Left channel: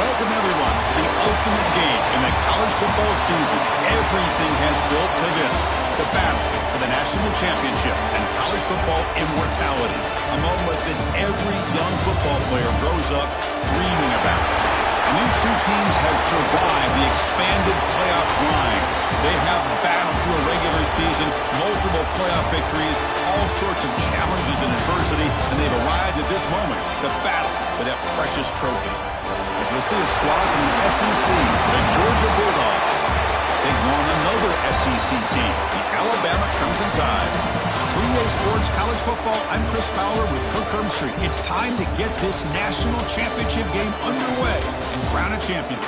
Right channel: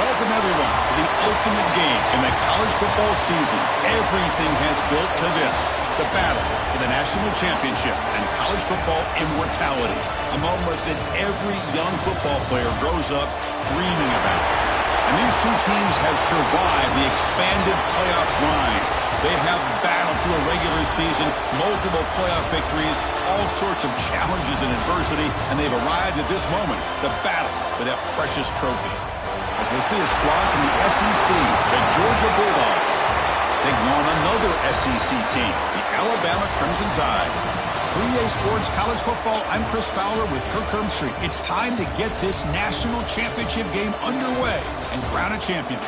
Welcome, everyone, to the ultimate game in the college football season. Everything has built to this, the battle for the national championship and college football immortality, a moment that every young football player grows up dreaming about. And these two teams have survived the expanded playoff grind. They have battled through a regular season, multiple playoff victories, all sorts of challenges and adversity, and they've arrived at this moment, the battle for that precious trophy. As we'll see a squad from the SEC, the Georgia Bulldogs, taking on another SEC team, the Alabama Crimson Tide. 3A Sports College Football, I'm Chris Fowler with Kirk Herbstreit. It's time to get this national championship game underway and crown a champion.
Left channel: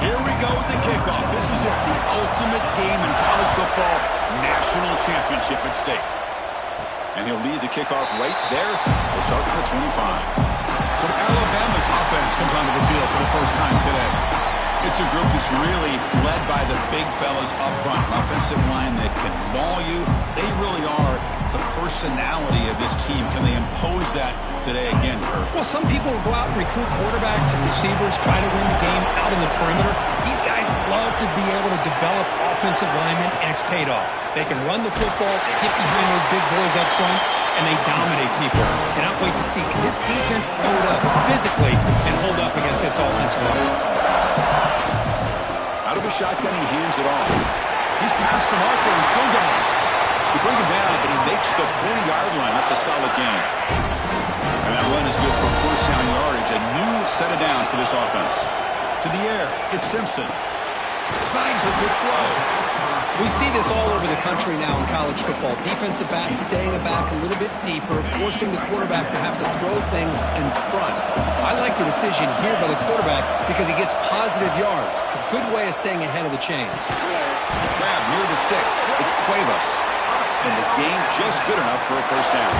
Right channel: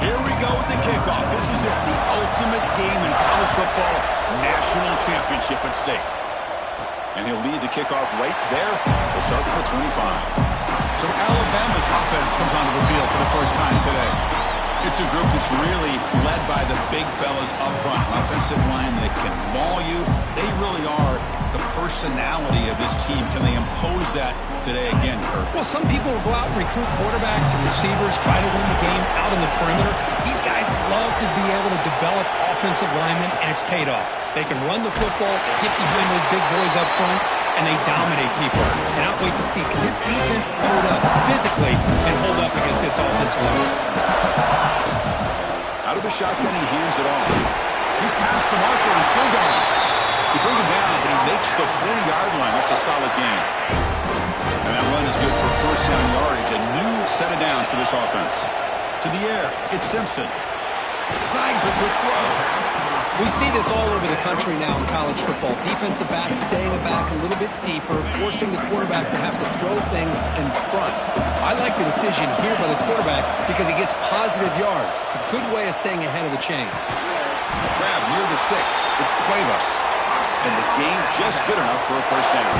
Here we go with the kickoff. This is it, the ultimate game in college football, national championship at stake. And he'll lead the kickoff right there. He'll start from the 25. So Alabama's offense comes onto the field for the first time today. It's a group that's really led by the big fellas up front. An offensive line that can maul you. They really are the personality of this team. Can they impose that today again, Kirk? Well, some people will go out and recruit quarterbacks and receivers, try to win the game out in the perimeter. These guys love to be able to develop offensive linemen, and it's paid off. They can run the football, they get behind those big boys up front, and they dominate people. Cannot wait to see, can this defense load up physically and hold up against this offensive line? Out of the shotgun, he hands it off. He's past the marker and still going. They bring him down, but he makes the 40-yard line. That's a solid gain. And that run is good for first down yardage. A new set of downs for this offense. To the air, it's Simpson. Snags a good throw. We see this all over the country now in college football. Defensive backs staying back a little bit deeper, forcing the quarterback to have to throw things in front. I like the decision here by the quarterback because he gets positive yards. It's a good way of staying ahead of the chains. Grab near the sticks. It's Cuevas. And the gain just good enough for a first down.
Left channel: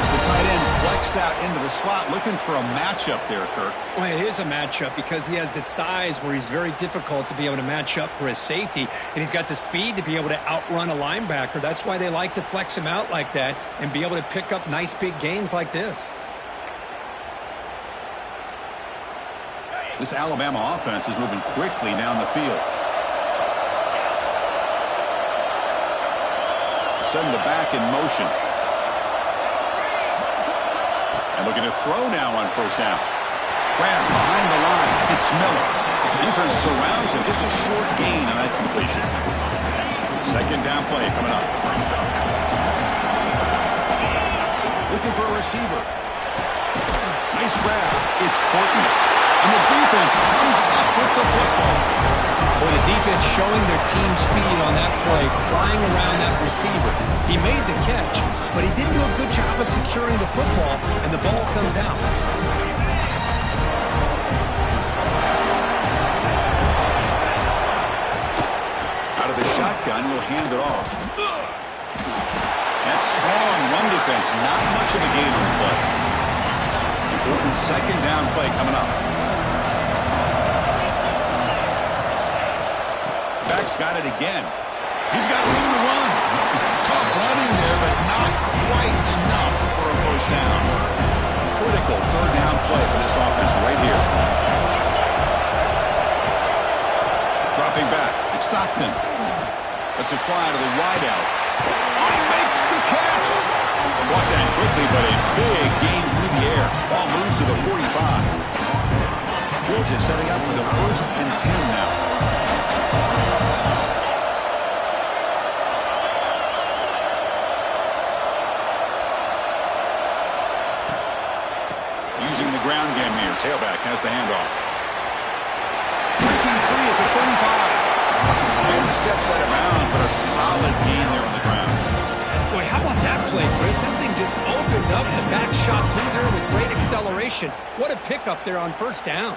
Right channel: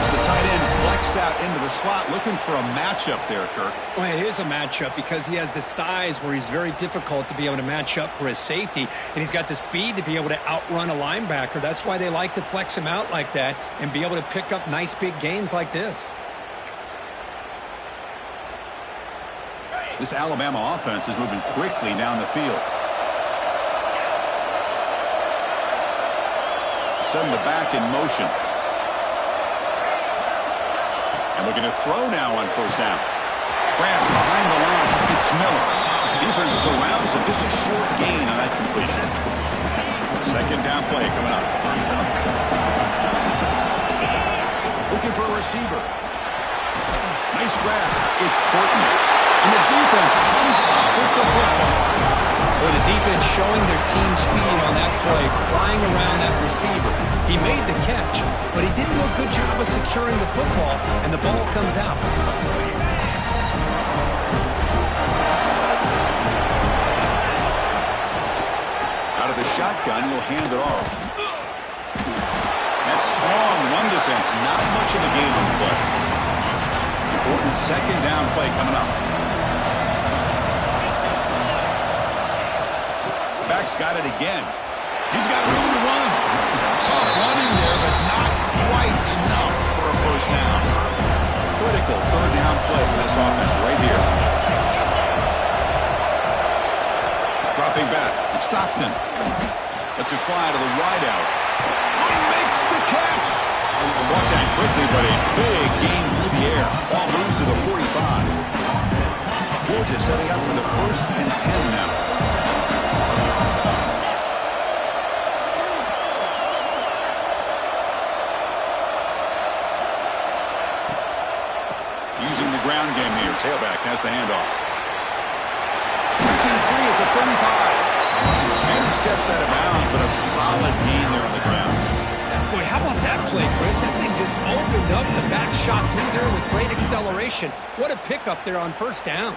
As the tight end flex out into the slot, looking for a matchup there, Kirk. Well, it is a matchup because he has the size where he's very difficult to be able to match up for his safety, and he's got the speed to be able to outrun a linebacker. That's why they like to flex him out like that and be able to pick up nice big gains like this. This Alabama offense is moving quickly down the field. Send the back in motion. And looking to throw now on first down. Grab behind the line. It's Miller. Defense surrounds him. Just a short gain on that completion. Second down play coming up. Looking for a receiver. Nice grab. It's Portman. And the defense comes up with the football. Well, the defense showing their team speed on that play, flying around that receiver. He made the catch, but he didn't do a good job of securing the football, and the ball comes out. Out of the shotgun, he'll hand it off. That strong run defense, not much of a gain on the play. Important second down play coming up. Back's got it again. He's got room to run. Tough running there, but not quite enough for a first down. Critical third down play for this offense right here. Dropping back. It's Stockton. Lets it fly to the wideout. Oh, he makes the catch. Walked down quickly, but a big gain through the air. Ball moves to the 45. Georgia setting up for the 1st and 10 now. Using the ground game here. Tailback has the handoff. Breaking free at the 35. And he steps out of bounds, but a solid gain there on the ground. Boy, how about that play, Chris? That thing just opened up. The back shot through there with great acceleration. What a pickup there on first down.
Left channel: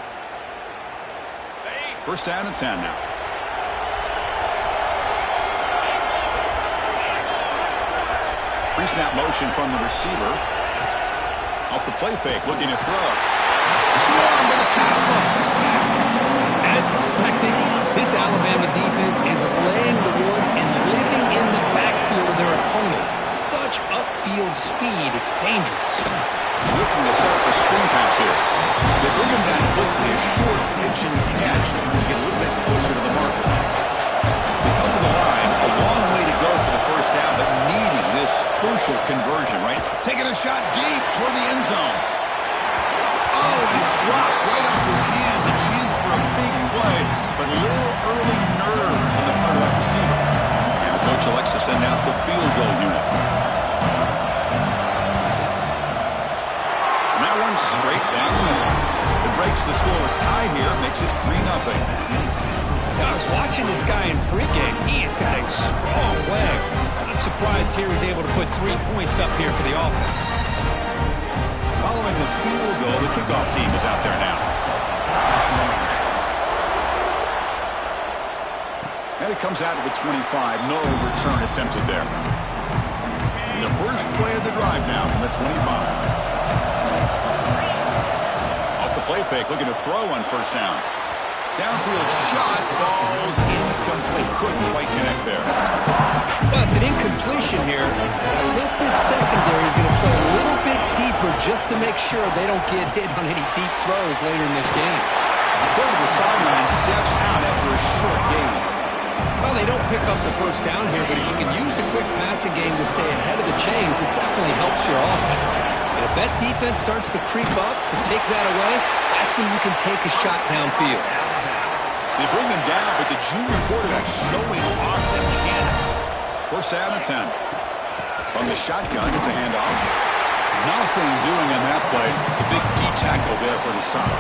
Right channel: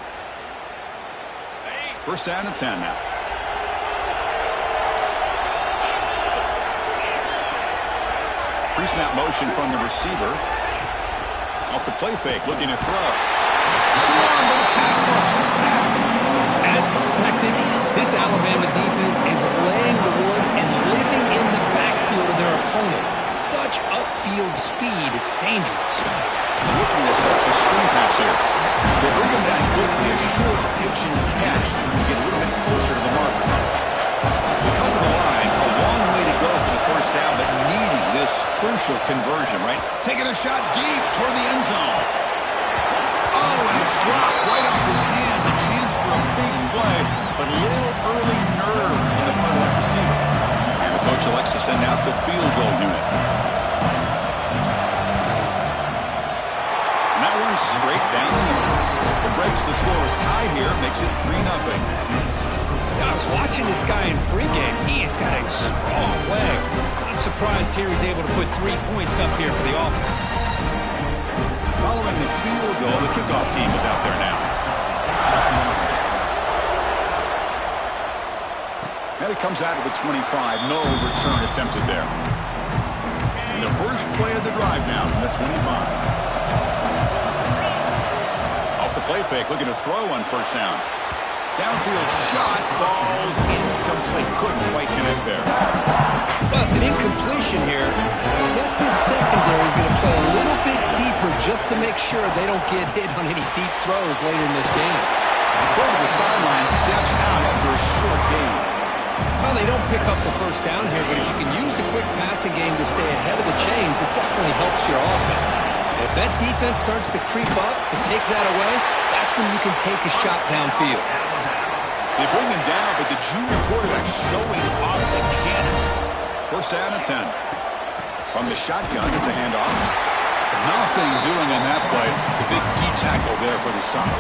First down and 10 now. Pre-snap motion from the receiver. Off the play fake, looking to throw. Swarmed by the pass rush. Sacked. As expected, this Alabama defense is laying the wood and living in the backfield of their opponent. Such upfield speed, it's dangerous. Looking to set up a screen pass here. They bring him down quickly, a short pitch and catch to get a little bit closer to the marker. They come to the line, a long way to go for the first down, but needing this crucial conversion, right? Taking a shot deep toward the end zone. Oh, and it's dropped right off his hands. A chance for a big play, but little early nerves on the part of that receiver. And the coach elects to send out the field goal unit. And that one straight down the middle. It breaks the scoreless tie here, makes it 3-0. I was watching this guy in pregame. He has got a strong leg. Not surprised here he's able to put 3 points up here for the offense. Following the field goal, the kickoff team is out there now. And it comes out to the 25. No return attempted there. And the first play of the drive now from the 25. Off the play fake, looking to throw on first down. Downfield shot falls incomplete. Couldn't quite connect there. Well, it's an incompletion here. I bet this secondary is going to play a little bit deeper just to make sure they don't get hit on any deep throws later in this game. Go to the sideline, steps out after a short gain. Well, they don't pick up the first down here, but if you can use the quick passing game to stay ahead of the chains, it definitely helps your offense. And if that defense starts to creep up and take that away, that's when you can take a shot downfield. They bring them down, but the junior quarterback showing off the cannon. First down and 10. From the shotgun, it's a handoff. Nothing doing on that play. The big D tackle there for the stop.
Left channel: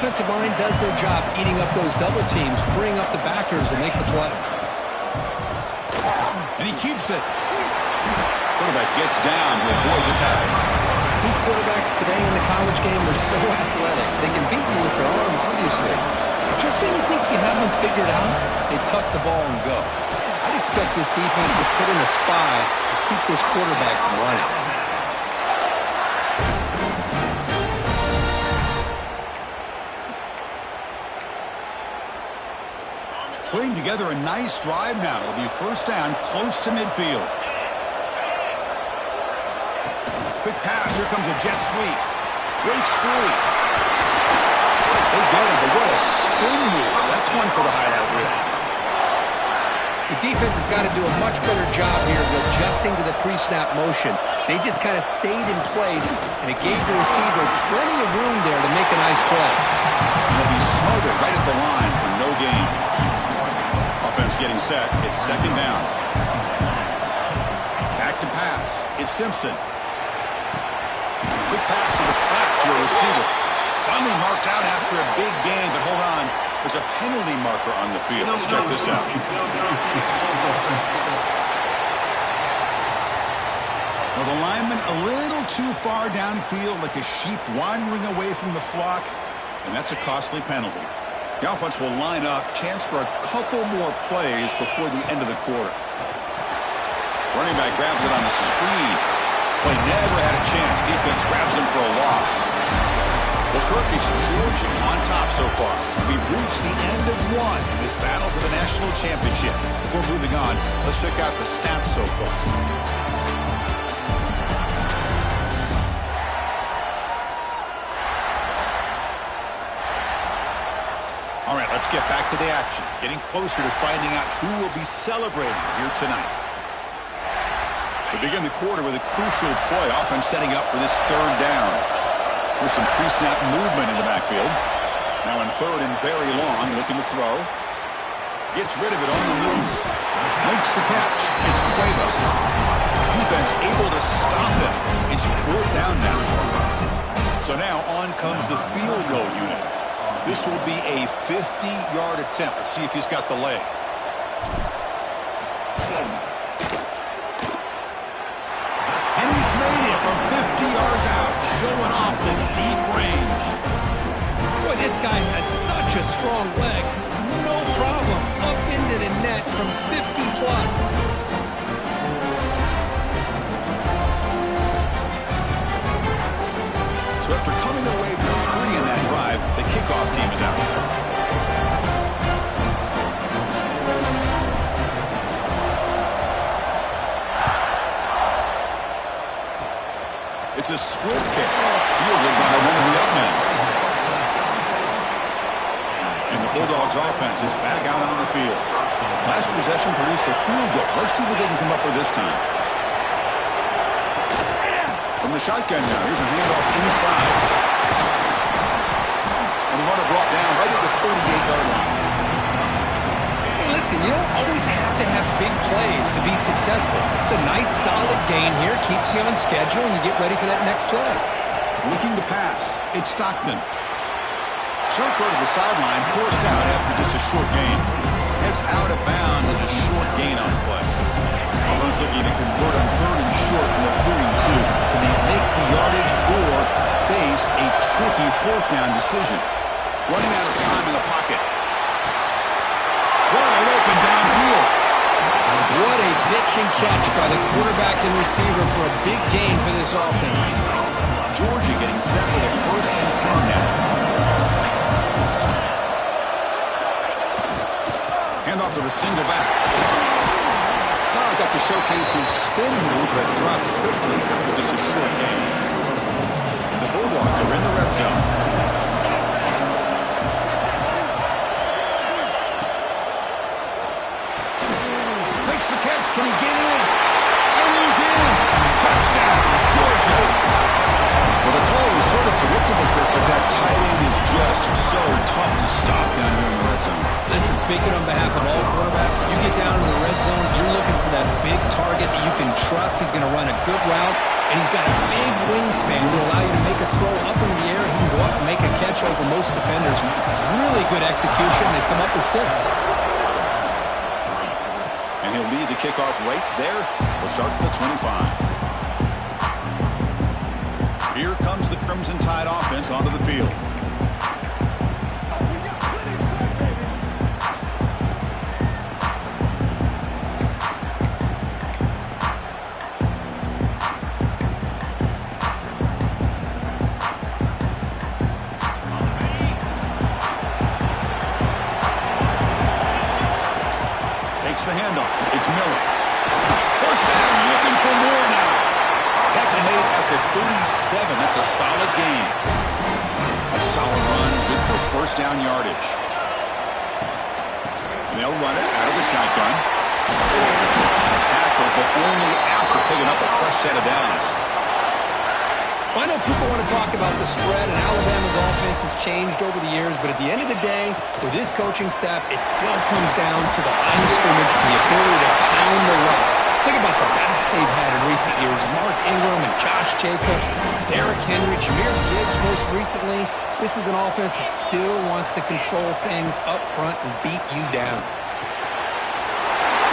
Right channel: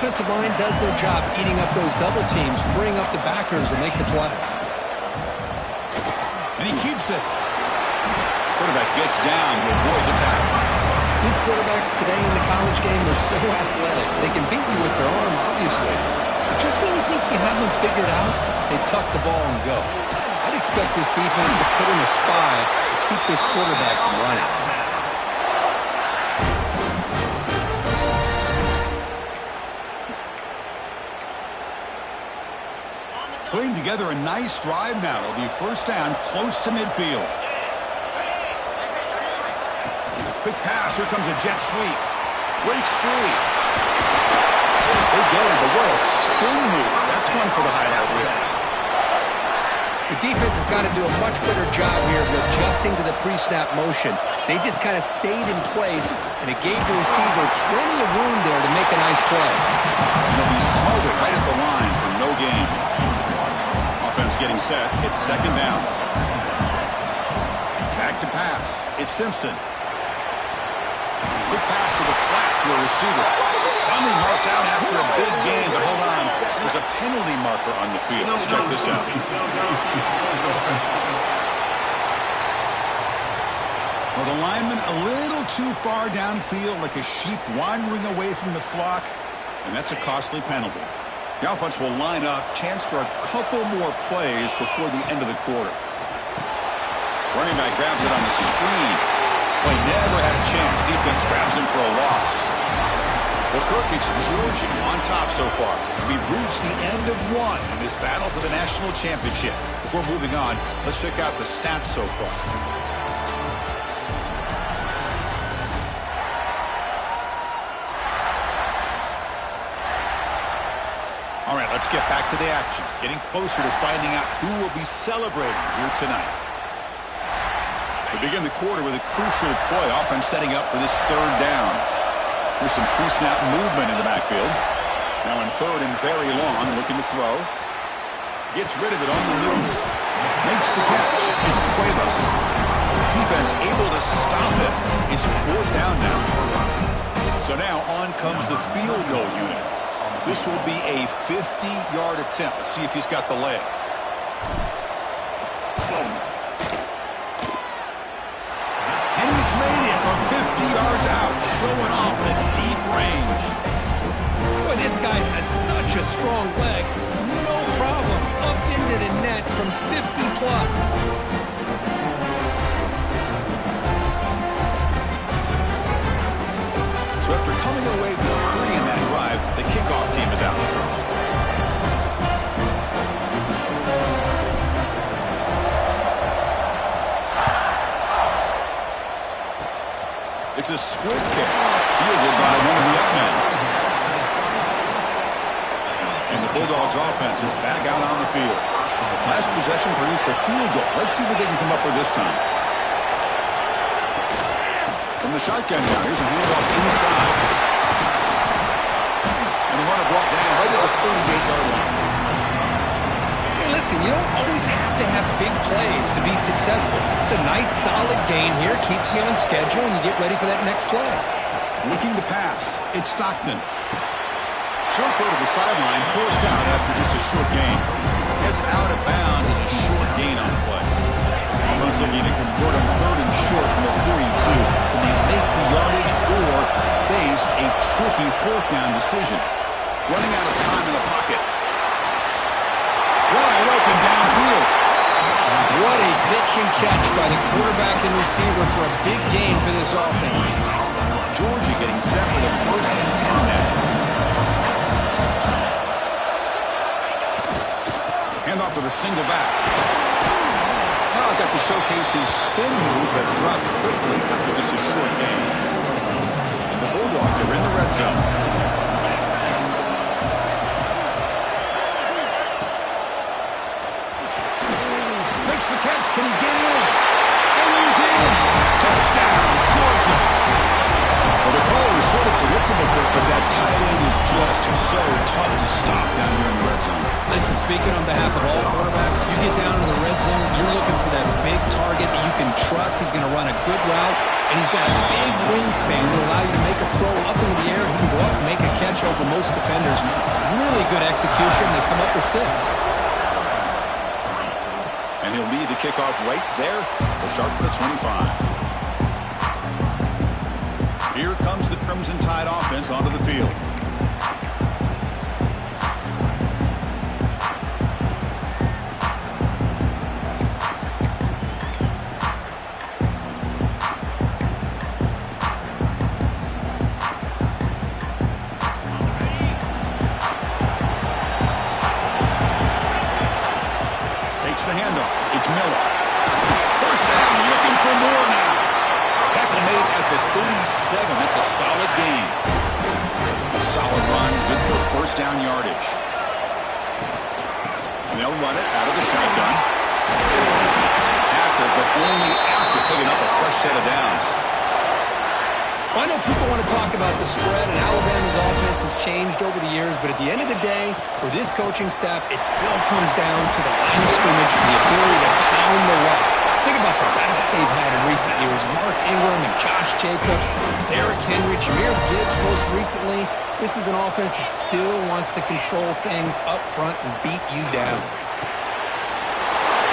Offensive line does their job eating up those double teams, freeing up the backers to make the play. And he keeps it. Quarterback gets down to avoid the tackle. These quarterbacks today in the college game are so athletic. They can beat you with their arm, obviously. Just when you think you have them figured out, they tuck the ball and go. I'd expect this defense to put in a spy to keep this quarterback from running. Putting together a nice drive now. It'll be first down close to midfield. Quick pass. Here comes a jet sweep. Breaks free. They get it, but what a spin move. That's one for the highlight reel. The defense has got to do a much better job here of adjusting to the pre-snap motion. They just kind of stayed in place, and it gave the receiver plenty of room there to make a nice play. And he'll be smothered right at the line for no gain. Offense getting set. It's second down. Back to pass. It's Simpson. Quick pass to the flat to a receiver. Finally marked out after a big gain, but hold on. There's a penalty marker on the field. Let's check this out. Well, the lineman a little too far downfield, like a sheep wandering away from the flock, and that's a costly penalty. The offense will line up. Chance for a couple more plays before the end of the quarter. Running back grabs it on the screen. Play never had a chance. Defense grabs him for a loss. Well, Kirk, it's Georgia on top so far. We've reached the end of one in this battle for the national championship. Before moving on, let's check out the stats so far. All right, let's get back to the action. Getting closer to finding out who will be celebrating here tonight. We begin the quarter with a crucial play. Offense setting up for this third down. Here's some pre-snap movement in the backfield. Now in third and very long, looking to throw. Gets rid of it on the move. Makes the catch. It's Cuevas. Defense able to stop it. It's fourth down now. So now on comes the field goal unit. This will be a 50-yard attempt. Let's see if he's got the leg. And he's made it from 50 yards out, showing off the deep range. Boy, this guy has such a strong leg. No problem. Up into the net from 50-plus. So after coming away with 3 in that drive, the kickoff team is out. It's a squib kick, fielded by one of the up men. And the Bulldogs offense is back out on the field. Last possession produced a field goal. Let's see what they can come up with this time. From the shotgun now, here's a handoff inside. And the runner brought down right at the 38-yard line. Hey, listen, you don't always have to have big plays to be successful. It's a nice, solid gain here. Keeps you on schedule, and you get ready for that next play. Looking to pass. It's Stockton. Short throw to the sideline, forced out after just a short gain. Heads out of bounds as a short gain on the play. Offense looking to convert on third and short from the 42. Can they make the yardage or face a tricky fourth down decision? Running out of time in the pocket. Wide open downfield. What a pitch and catch by the quarterback and receiver for a big gain for this offense. Georgia getting set with a first and 10 now. Handoff to the single back. Got to showcase his spin move, but dropped quickly after just a short gain. And the Bulldogs are in the red zone. Makes the catch. Can he get in? And he's in. Touchdown, Georgia. Well, the call was sort of predictable, Kirk, but that tight end is just so tough to stop down here in the red zone. Listen, speaking on behalf of all quarterbacks, you get down in the red zone, you're looking for that big target that you can trust. He's going to run a good route, and he's got a big wingspan to allow you to make a throw up into the air. He can go up and make a catch over most defenders. Really good execution. They come up with 6. And he'll lead the kickoff right there. They'll start at the 25. Here comes the Crimson Tide offense onto the field. Miller. First down, looking for more now. Tackle made at the 37. That's a solid gain. A solid run, good for first down yardage. And they'll run it out of the shotgun. Tackle, but only after picking up a fresh set of downs. Well, I know people want to talk about the spread, and Alabama's offense has changed over the years, but at the end of the day, with this coaching staff, it still comes down to the line of scrimmage and the ability to pound the rock. Think about the backs they've had in recent years. Mark Ingram and Josh Jacobs, Derrick Henry, Jahmyr Gibbs most recently. This is an offense that still wants to control things up front and beat you down.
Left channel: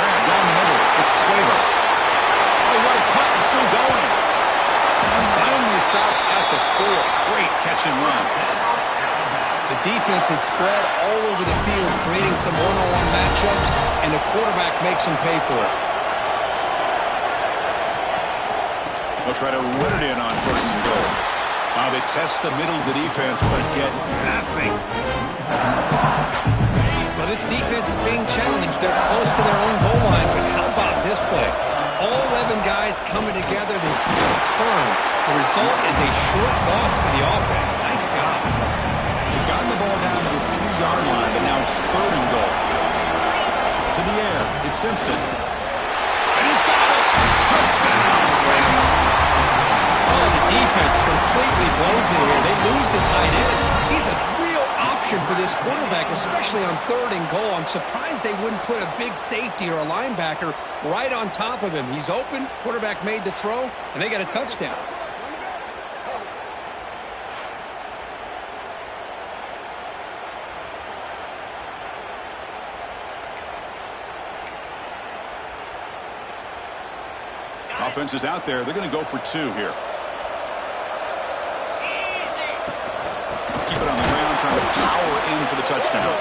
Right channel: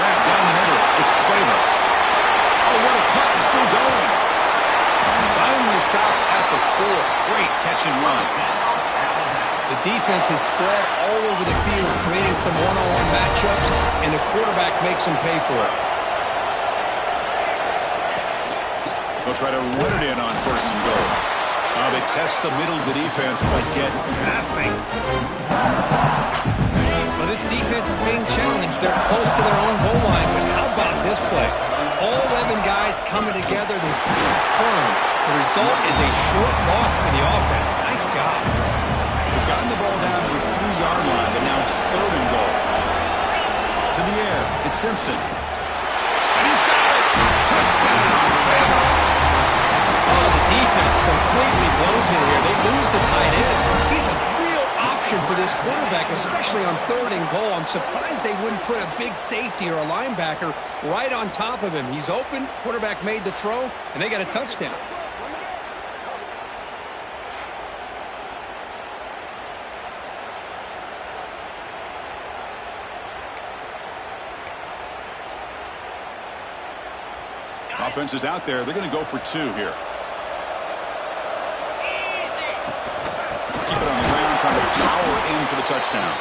Grab down the middle. It's Cuevas. Oh, what a cut. It's still going. Finally stopped at the 4. Great catch and run. The defense is spread all over the field, creating some one-on-one matchups, and the quarterback makes them pay for it. They'll try to run it in on first and goal. They test the middle of the defense, but get nothing. Well, this defense is being challenged. They're close to their own goal line, but how about this play? All 11 guys coming together, they stood firm. The result is a short loss for the offense. Nice job. They've gotten the ball down to the 3-yard line, but now it's third and goal. To the air, it's Simpson. And he's got it! Touchdown! Bama! Oh, the defense completely blows it here. They lose the tight end. He's a real option for this quarterback, especially on third and goal. I'm surprised they wouldn't put a big safety or a linebacker right on top of him. He's open, quarterback made the throw, and they got a touchdown. Offense is out there. They're going to go for 2 here. Keep it on the ground, trying to power in for the touchdown.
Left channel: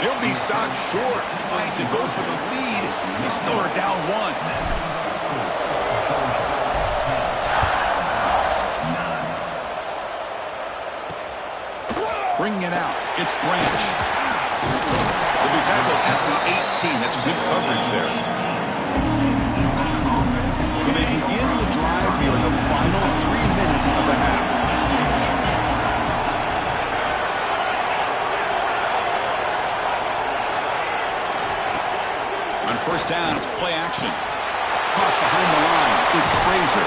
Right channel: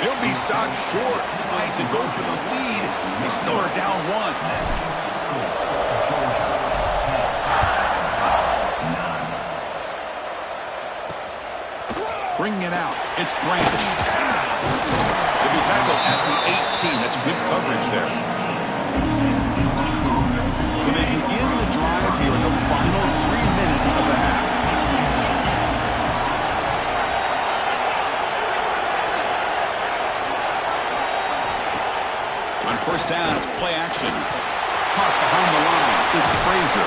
He'll be stopped short, trying to go for the lead. They still are down 1. Bringing it out. It's Branch. He'll be tackled at the 18. That's good coverage there. So they begin the drive here in the final 3 minutes of the half. On first down, it's play action. Caught behind the line. It's Frazier.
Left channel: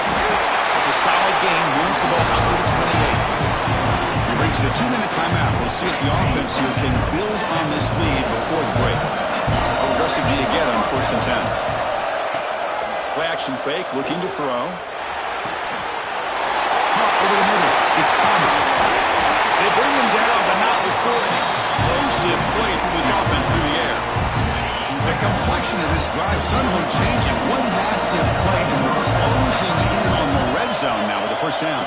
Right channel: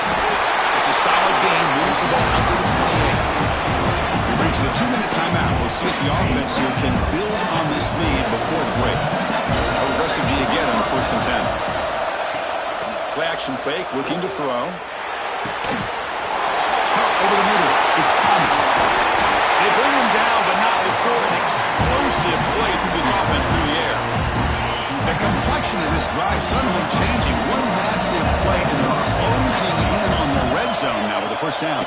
It's a solid gain. Moves the ball out to the 28. We reach the 2-minute timeout. We'll see if the offense here can build on this lead before the break. How aggressive do you get on first and 10? Play action fake, looking to throw. Caught over the middle. It's Thomas. They bring him down, but not before an explosive play through this offense through the air. The complexion of this drive suddenly changing. One massive play, and they're closing in on the red zone now with the first down.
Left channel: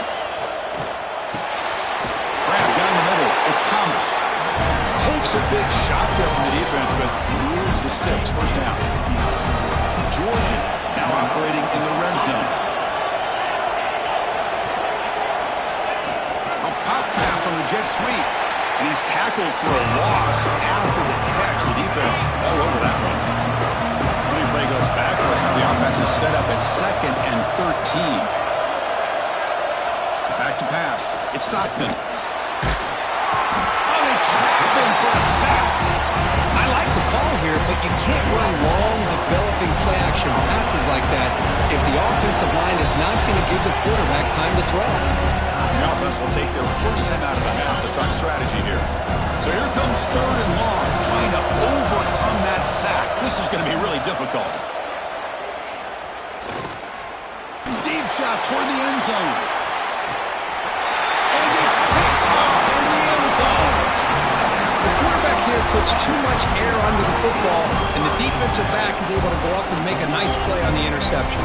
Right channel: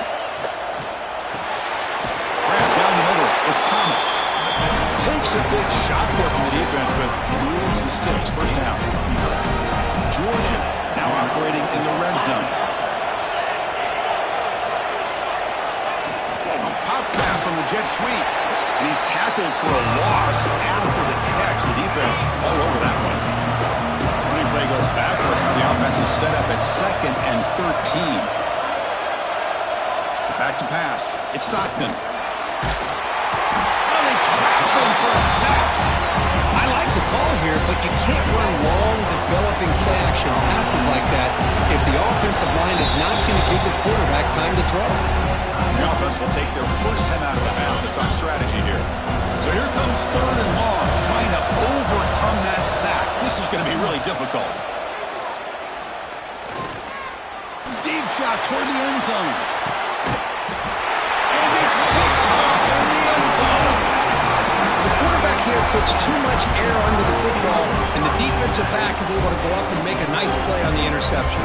Grab down the middle. It's Thomas. Takes a big shot there from the defense, but moves the sticks. First down. Georgia now operating in the red zone. A pop pass on the jet sweep. And he's tackled for a loss after the catch. The defense all over that one. Running play goes backwards. Now the offense is set up at 2nd and 13. Back to pass. It's Stockton. Oh, they trap him for a sack. I like the call here, but you can't run long, developing play-action passes like that if the offensive line is not going to give the quarterback time to throw. The offense will take their first time out of the half to talk strategy here. So here comes third and long, trying to overcome that sack. This is going to be really difficult. Deep shot toward the end zone. And it's picked off in the end zone. The quarterback here puts too much air under the football, and the defensive back is able to go up and make a nice play on the interception.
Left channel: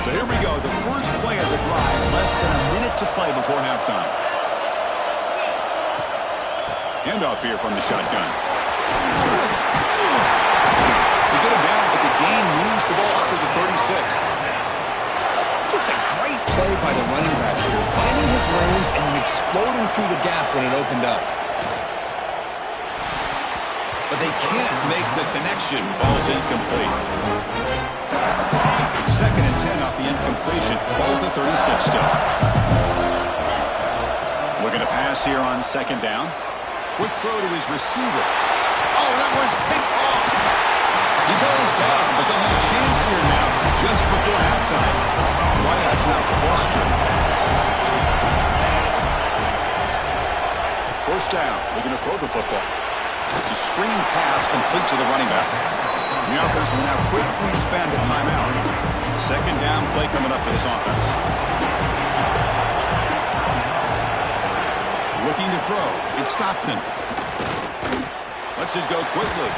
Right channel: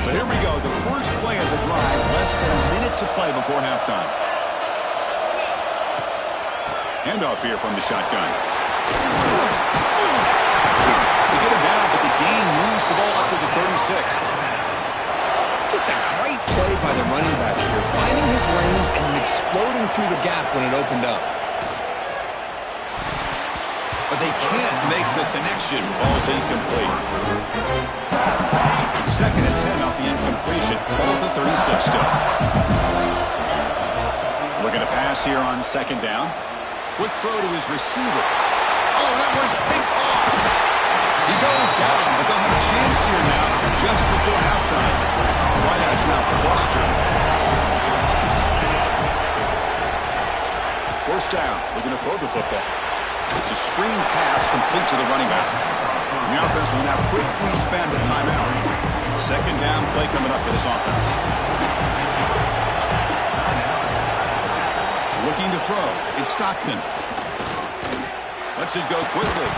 So here we go, the first play of the drive, less than a minute to play before halftime. Handoff here from the shotgun. They get him down, but the gain moves the ball up to the 36. Just a great play by the running back here, finding his lanes and then exploding through the gap when it opened up. But they can't make the connection. Ball's incomplete. 2nd and 10 off the incompletion. Ball at the 36 still. Looking to pass here on 2nd down. Quick throw to his receiver. Oh, that one's picked off. He goes down, but they'll have a chance here now just before halftime. Wideouts now clustered. 1st down. Looking to throw the football. It's a screen pass complete to the running back. The offense will now quickly spend a timeout. 2nd down play coming up for this offense. Looking to throw. It's Stockton. Lets it go quickly.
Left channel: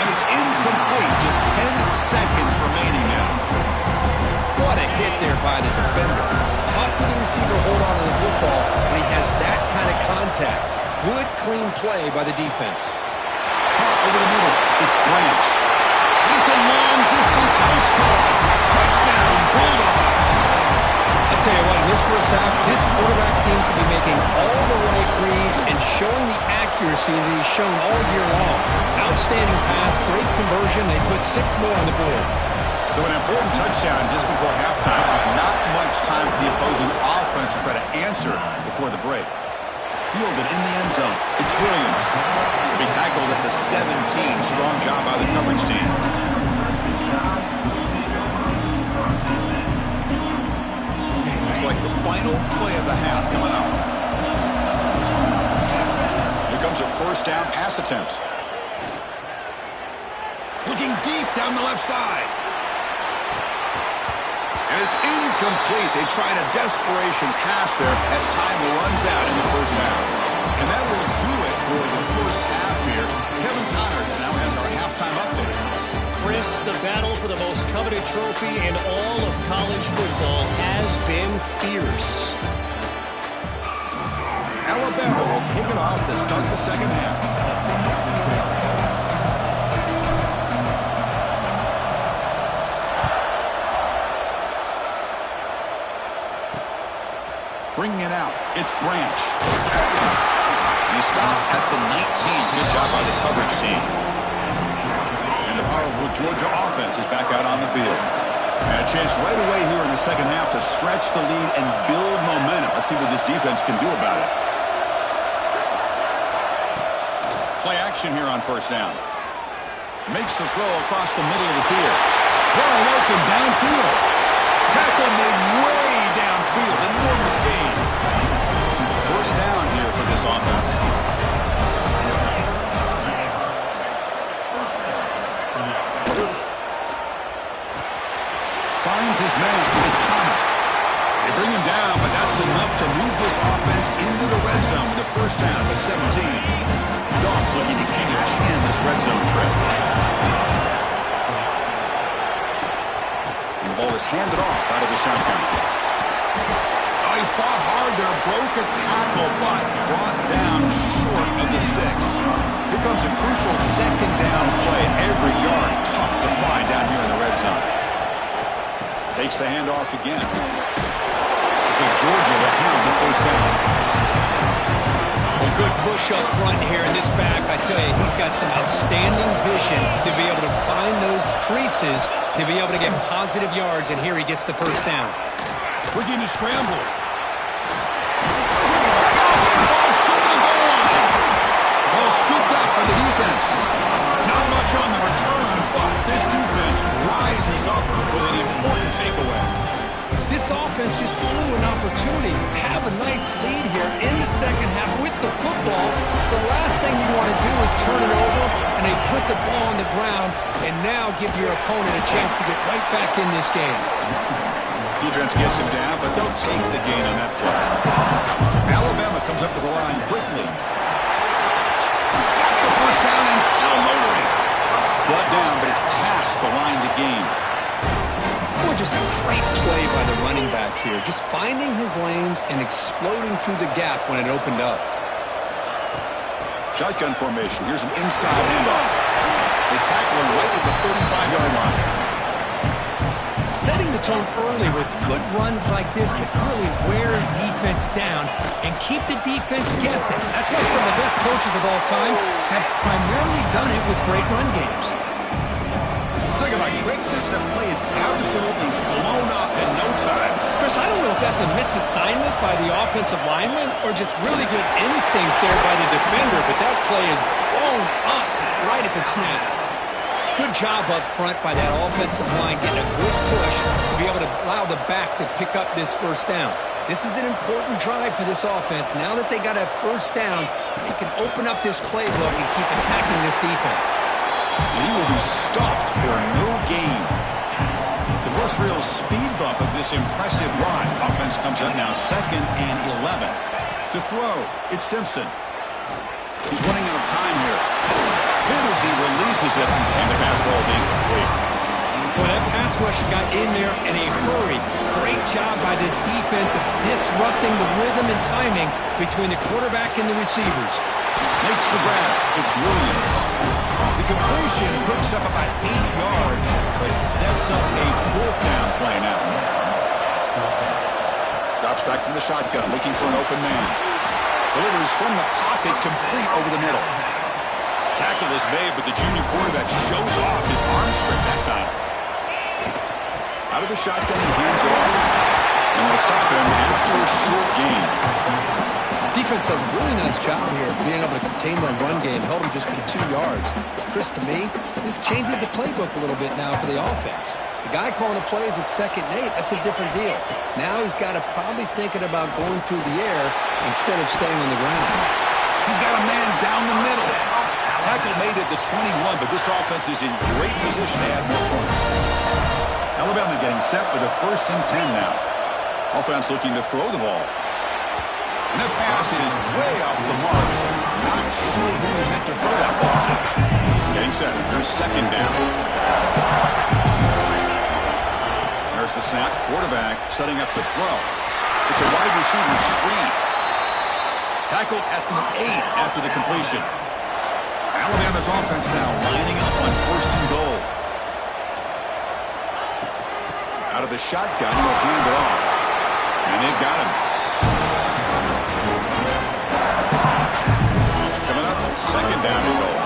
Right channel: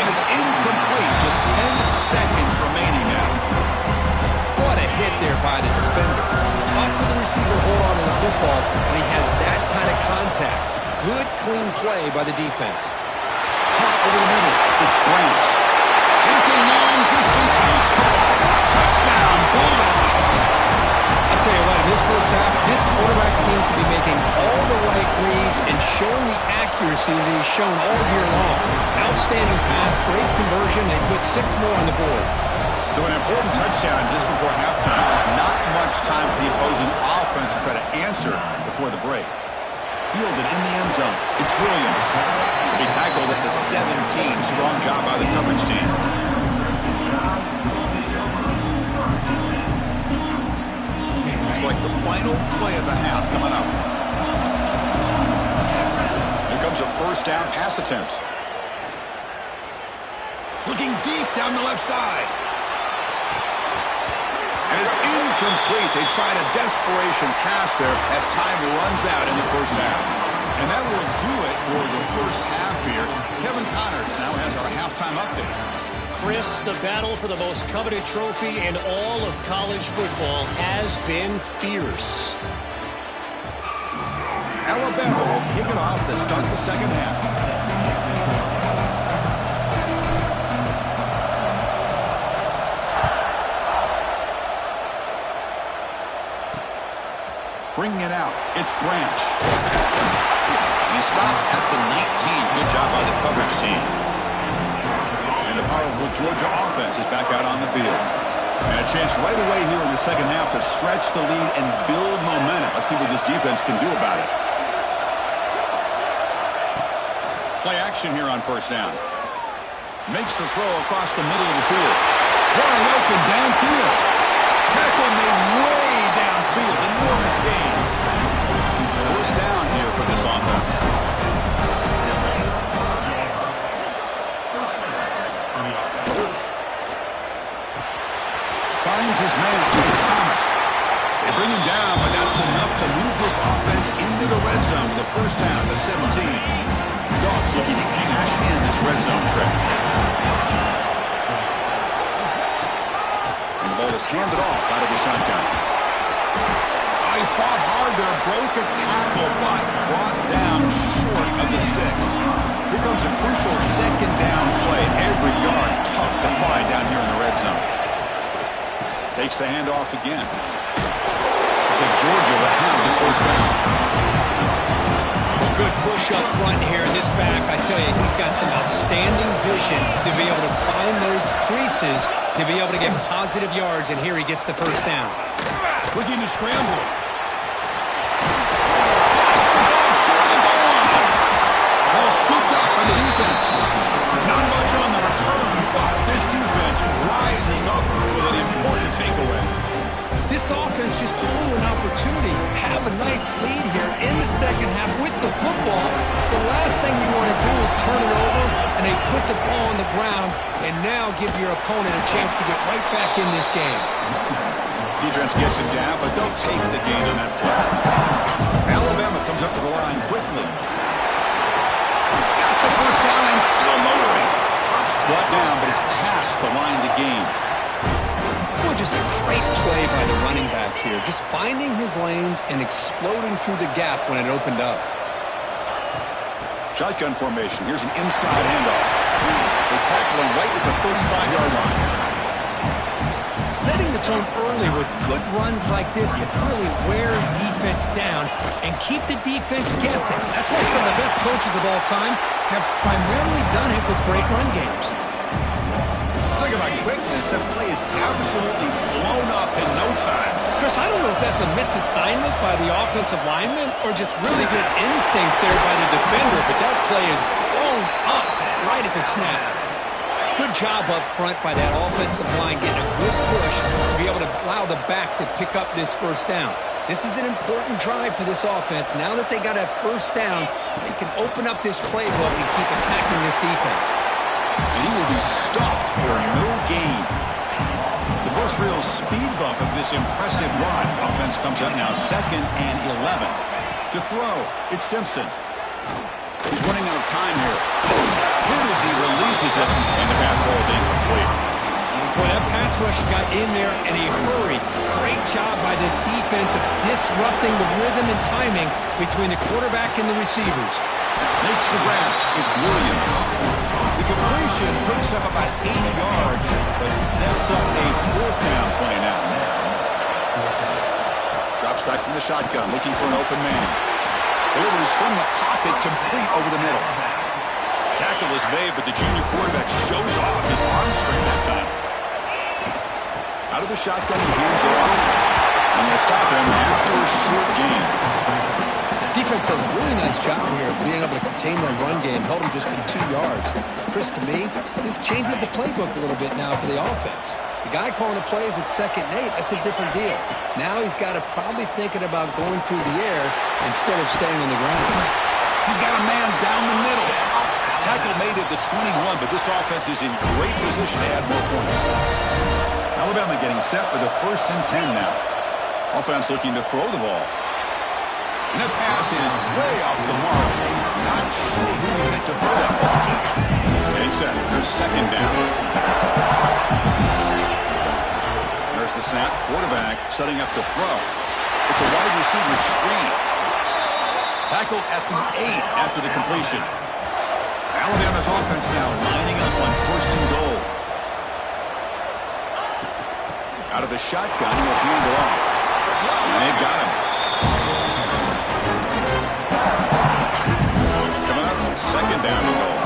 And it's incomplete. Just 10 seconds remaining now. What a hit there by the defender. Tough for the receiver to hold on to the football when he has that kind of contact. Good, clean play by the defense. Hart over the middle. It's Branch. And it's a long-distance house call. Touchdown, Bulldogs. I'll tell you what, in this first half, this quarterback seems to be making all the right reads and showing the accuracy that he's shown all year long. Outstanding pass, great conversion. They put 6 more on the board. So an important touchdown just before halftime. Not much time for the opposing offense to try to answer before the break. Fielded in the end zone. It's Williams. He'll be tackled at the 17. Strong job by the coverage team. Looks like the final play of the half coming up. Here comes a 1st down pass attempt. Looking deep down the left side. And it's incomplete. They tried a desperation pass there as time runs out in the 1st half. And that will do it for the 1st half here. Kevin Connors now has our halftime update. Chris, the battle for the most coveted trophy in all of college football has been fierce. Alabama will kick it off to start the 2nd half. Bringing it out, it's Branch. He stopped at the 19. Good job by the coverage team. And the powerful Georgia offense is back out on the field. And a chance right away here in the 2nd half to stretch the lead and build momentum. Let's see what this defense can do about it. Play action here on 1st down. Makes the throw across the middle of the field. Wide open downfield. Tackle made way downfield. Enormous gain. 1st down here for this offense. Finds his man. It's Thomas. They bring him down, but that's enough to move this offense into the red zone with a 1st down to 17. Dogs looking to cash in this red zone trip. And the ball is handed off out of the shotgun. Oh, he fought hard there, broke a tackle, but brought down short of the sticks. Here comes a crucial 2nd down play. Every yard tough to find down here in the red zone. Takes the handoff again. Looks like Georgia will have the 1st down. Well, good push up front here in this back. I tell you, he's got some outstanding vision to be able to find those creases, to be able to get positive yards, and here he gets the 1st down. Looking to scramble. Lost the ball short of the goal line. Ball scooped up by the defense. Not much on the return, but this defense rises up with an important takeaway. This offense just blew an opportunity. Have a nice lead here in the 2nd half with the football. The last thing you want to do is turn it over, and they put the ball on the ground and now give your opponent a chance to get right back in this game. Defense gets him down, but they'll take the gain on that play. Alabama comes up to the line quickly. Got the 1st down and still motoring. Brought down, but it's past the line to gain. Boy, just a great play by the running back here. Just finding his lanes and exploding through the gap when it opened up. Shotgun formation. Here's an inside handoff. They tackle him right at the 35-yard line. Setting the tone early with good runs like this can really wear defense down and keep the defense guessing. That's why some of the best coaches of all time have primarily done it with great run games. Talk about quickness. That play is absolutely blown up in no time. Chris, I don't know if that's a misassignment by the offensive lineman or just really good instincts there by the defender, but that play is blown up right at the snap. Good job up front by that offensive line getting a good push to be able to allow the back to pick up this first down. This is an important drive for this offense. Now that they got a first down, they can open up this playbook and keep attacking this defense. And he will be stuffed for no gain. The first real speed bump of this impressive drive. Offense comes up now 2nd and 11. To throw, it's Simpson. He's running out of time here. Hit as he releases it, and the pass ball is incomplete. Boy, that pass rush got in there in a hurry. Great job by this defense of disrupting the rhythm and timing between the quarterback and the receivers. Makes the grab. It's Williams. The completion picks up about 8 yards, but sets up a 4th down play now. Drops back from the shotgun, looking for an open man. Delivers from the pocket, complete over the middle. Tackle is made, but the junior quarterback shows off his arm strength that time. Out of the shotgun, he hands it off. And they'll stop him after a short gain. Defense does a really nice job here of being able to contain that run game. Held him just for 2 yards. Chris, to me, this changes the playbook a little bit now for the offense. The guy calling the plays at 2nd and 8, that's a different deal. Now he's got to probably thinking about going through the air instead of staying on the ground. He's got a man down the middle. Tackle made at the 21, but this offense is in great position to add more points. Alabama getting set with a 1st and 10 now. Offense looking to throw the ball. And that pass is way off the mark. Not sure who he meant to throw that ball to. Getting set. Here's 2nd down. There's the snap. Quarterback setting up to throw. It's a wide receiver screen. Tackled at the 8 after the completion. Alabama's offense now lining up on 1st and goal. Out of the shotgun, he'll hand it off. And they've got him. Coming up, 2nd down and goal.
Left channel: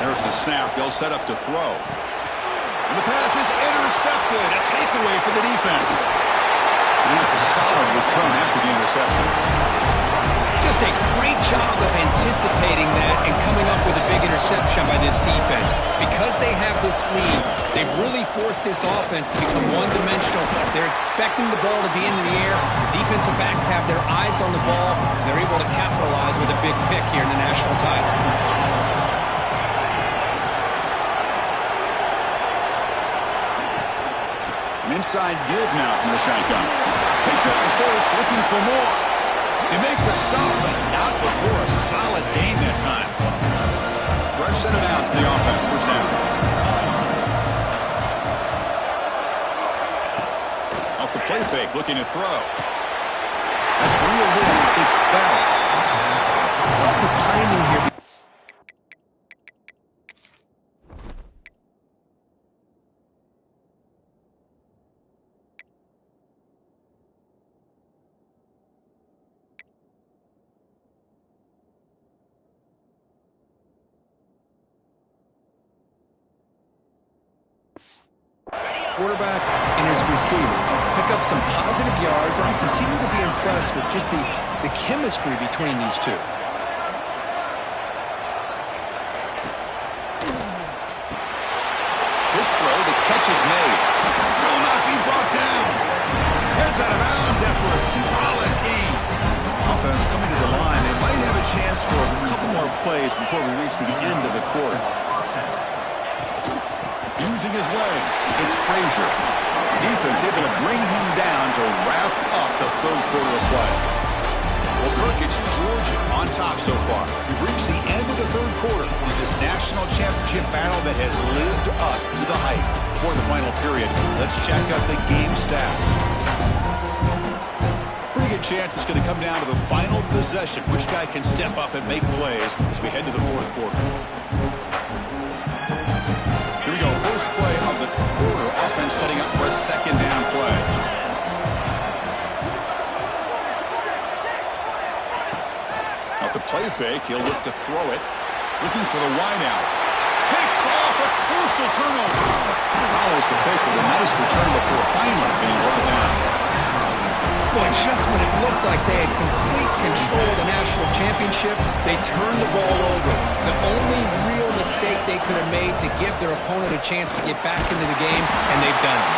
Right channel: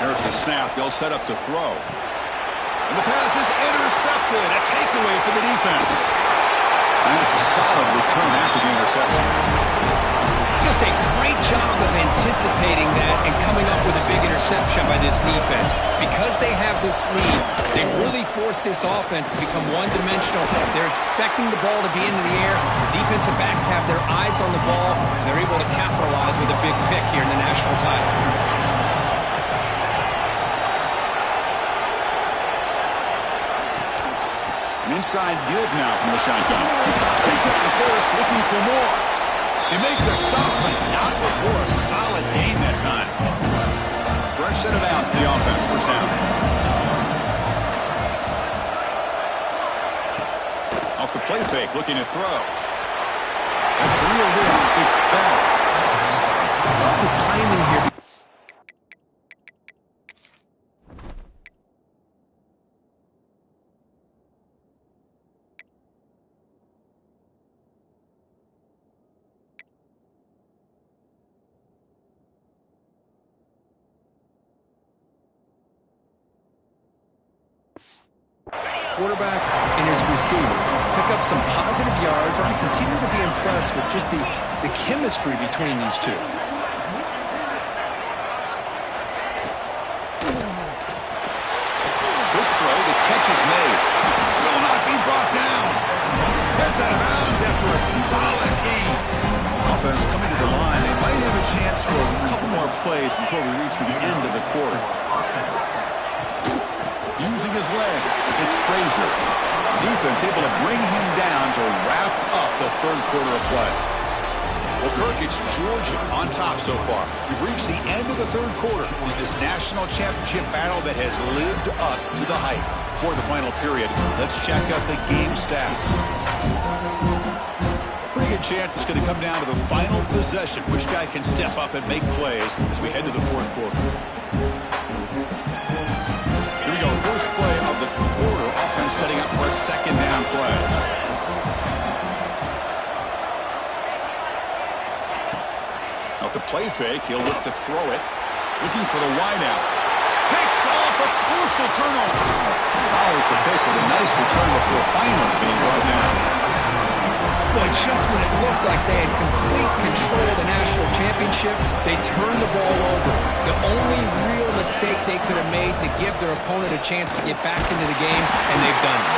There's the snap. They'll set up to throw. And the pass is intercepted. A takeaway for the defense. And that's a solid return after the interception. Just a great job of anticipating that and coming up with a big interception by this defense. Because they have this lead, they've really forced this offense to become one-dimensional. They're expecting the ball to be into the air. The defensive backs have their eyes on the ball, and they're able to capitalize with a big pick here in the national title. An inside give now from the shotgun. Takes up the first, looking for more. They make the stop, but not before a solid gain that time. Fresh set of downs for the offense. 1st down. Off the play fake, looking to throw. That's reeled in. It's Bell. Love the timing here. Quarterback and his receiver pick up some positive yards, and I continue to be impressed with just the chemistry between these two. Good throw. The catch is made. Will not be brought down. Heads out of bounds after a solid gain. Offense coming to the line. They might have a chance for a couple more plays before we reach the end of the quarter. Using his legs, it's Frazier. Defense able to bring him down to wrap up the 3rd quarter of play. Well, Kirk, it's Georgia on top so far. We've reached the end of the 3rd quarter in this national championship battle that has lived up to the hype. For the final period, let's check out the game stats. Pretty good chance it's going to come down to the final possession. Which guy can step up and make plays as we head to the fourth quarter? Here we go. First play of the quarter. Offense setting up for a second down play. Off the play fake, he'll look to throw it. Looking for the wideout. Picked off, a crucial turnover. Follows the pick with a nice return before finally being brought down. Boy, just when it looked like they had complete control of the national championship, they turned the ball over. The only real mistake they could have made to give their opponent a chance to get back into the game, and they've done it.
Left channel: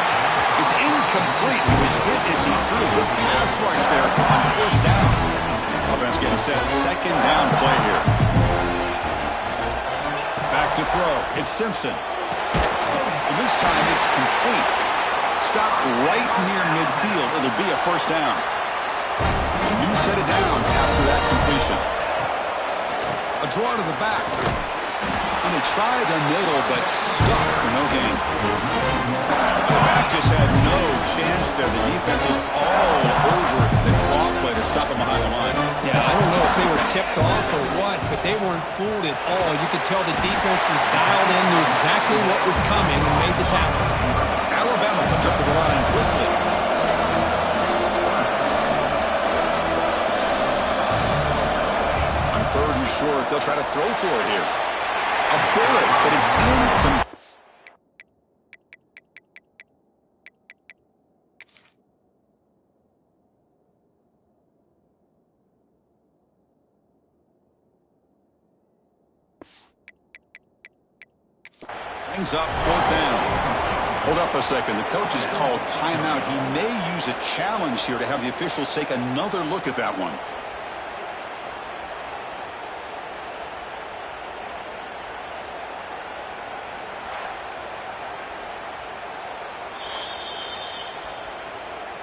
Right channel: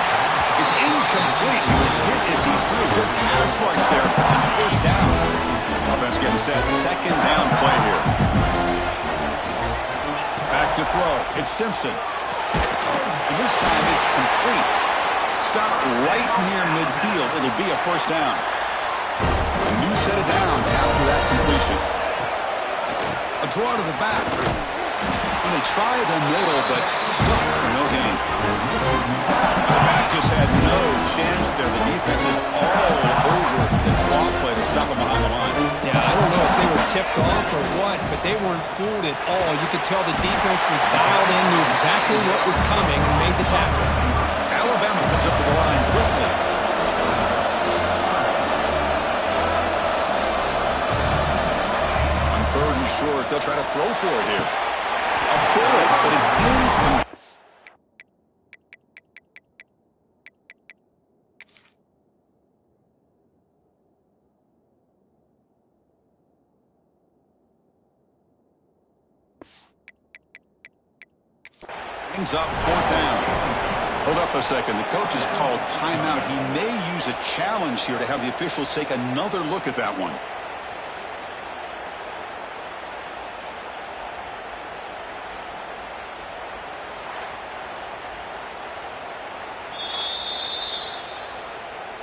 It's incomplete. He was hit as he threw. Good pass rush there on first down. Offense getting set. Second down play here. Back to throw. It's Simpson. And this time it's complete. Stop right near midfield. It'll be a first down. A new set of downs after that completion. A draw to the back. And they try the middle, but stuck for no gain. The back just had no chance there. The defense is all over the draw play to stop him behind the line. Yeah, I don't know if they were tipped off or what, but they weren't fooled at all. You could tell the defense was dialed in, knew exactly what was coming, and made the tackle. Alabama comes up to the line quickly. On third and short, they'll try to throw for it here. A bullet, but it's incomplete. Brings up fourth down. Hold up a second. The coach has called timeout. He may use a challenge here to have the officials take another look at that one.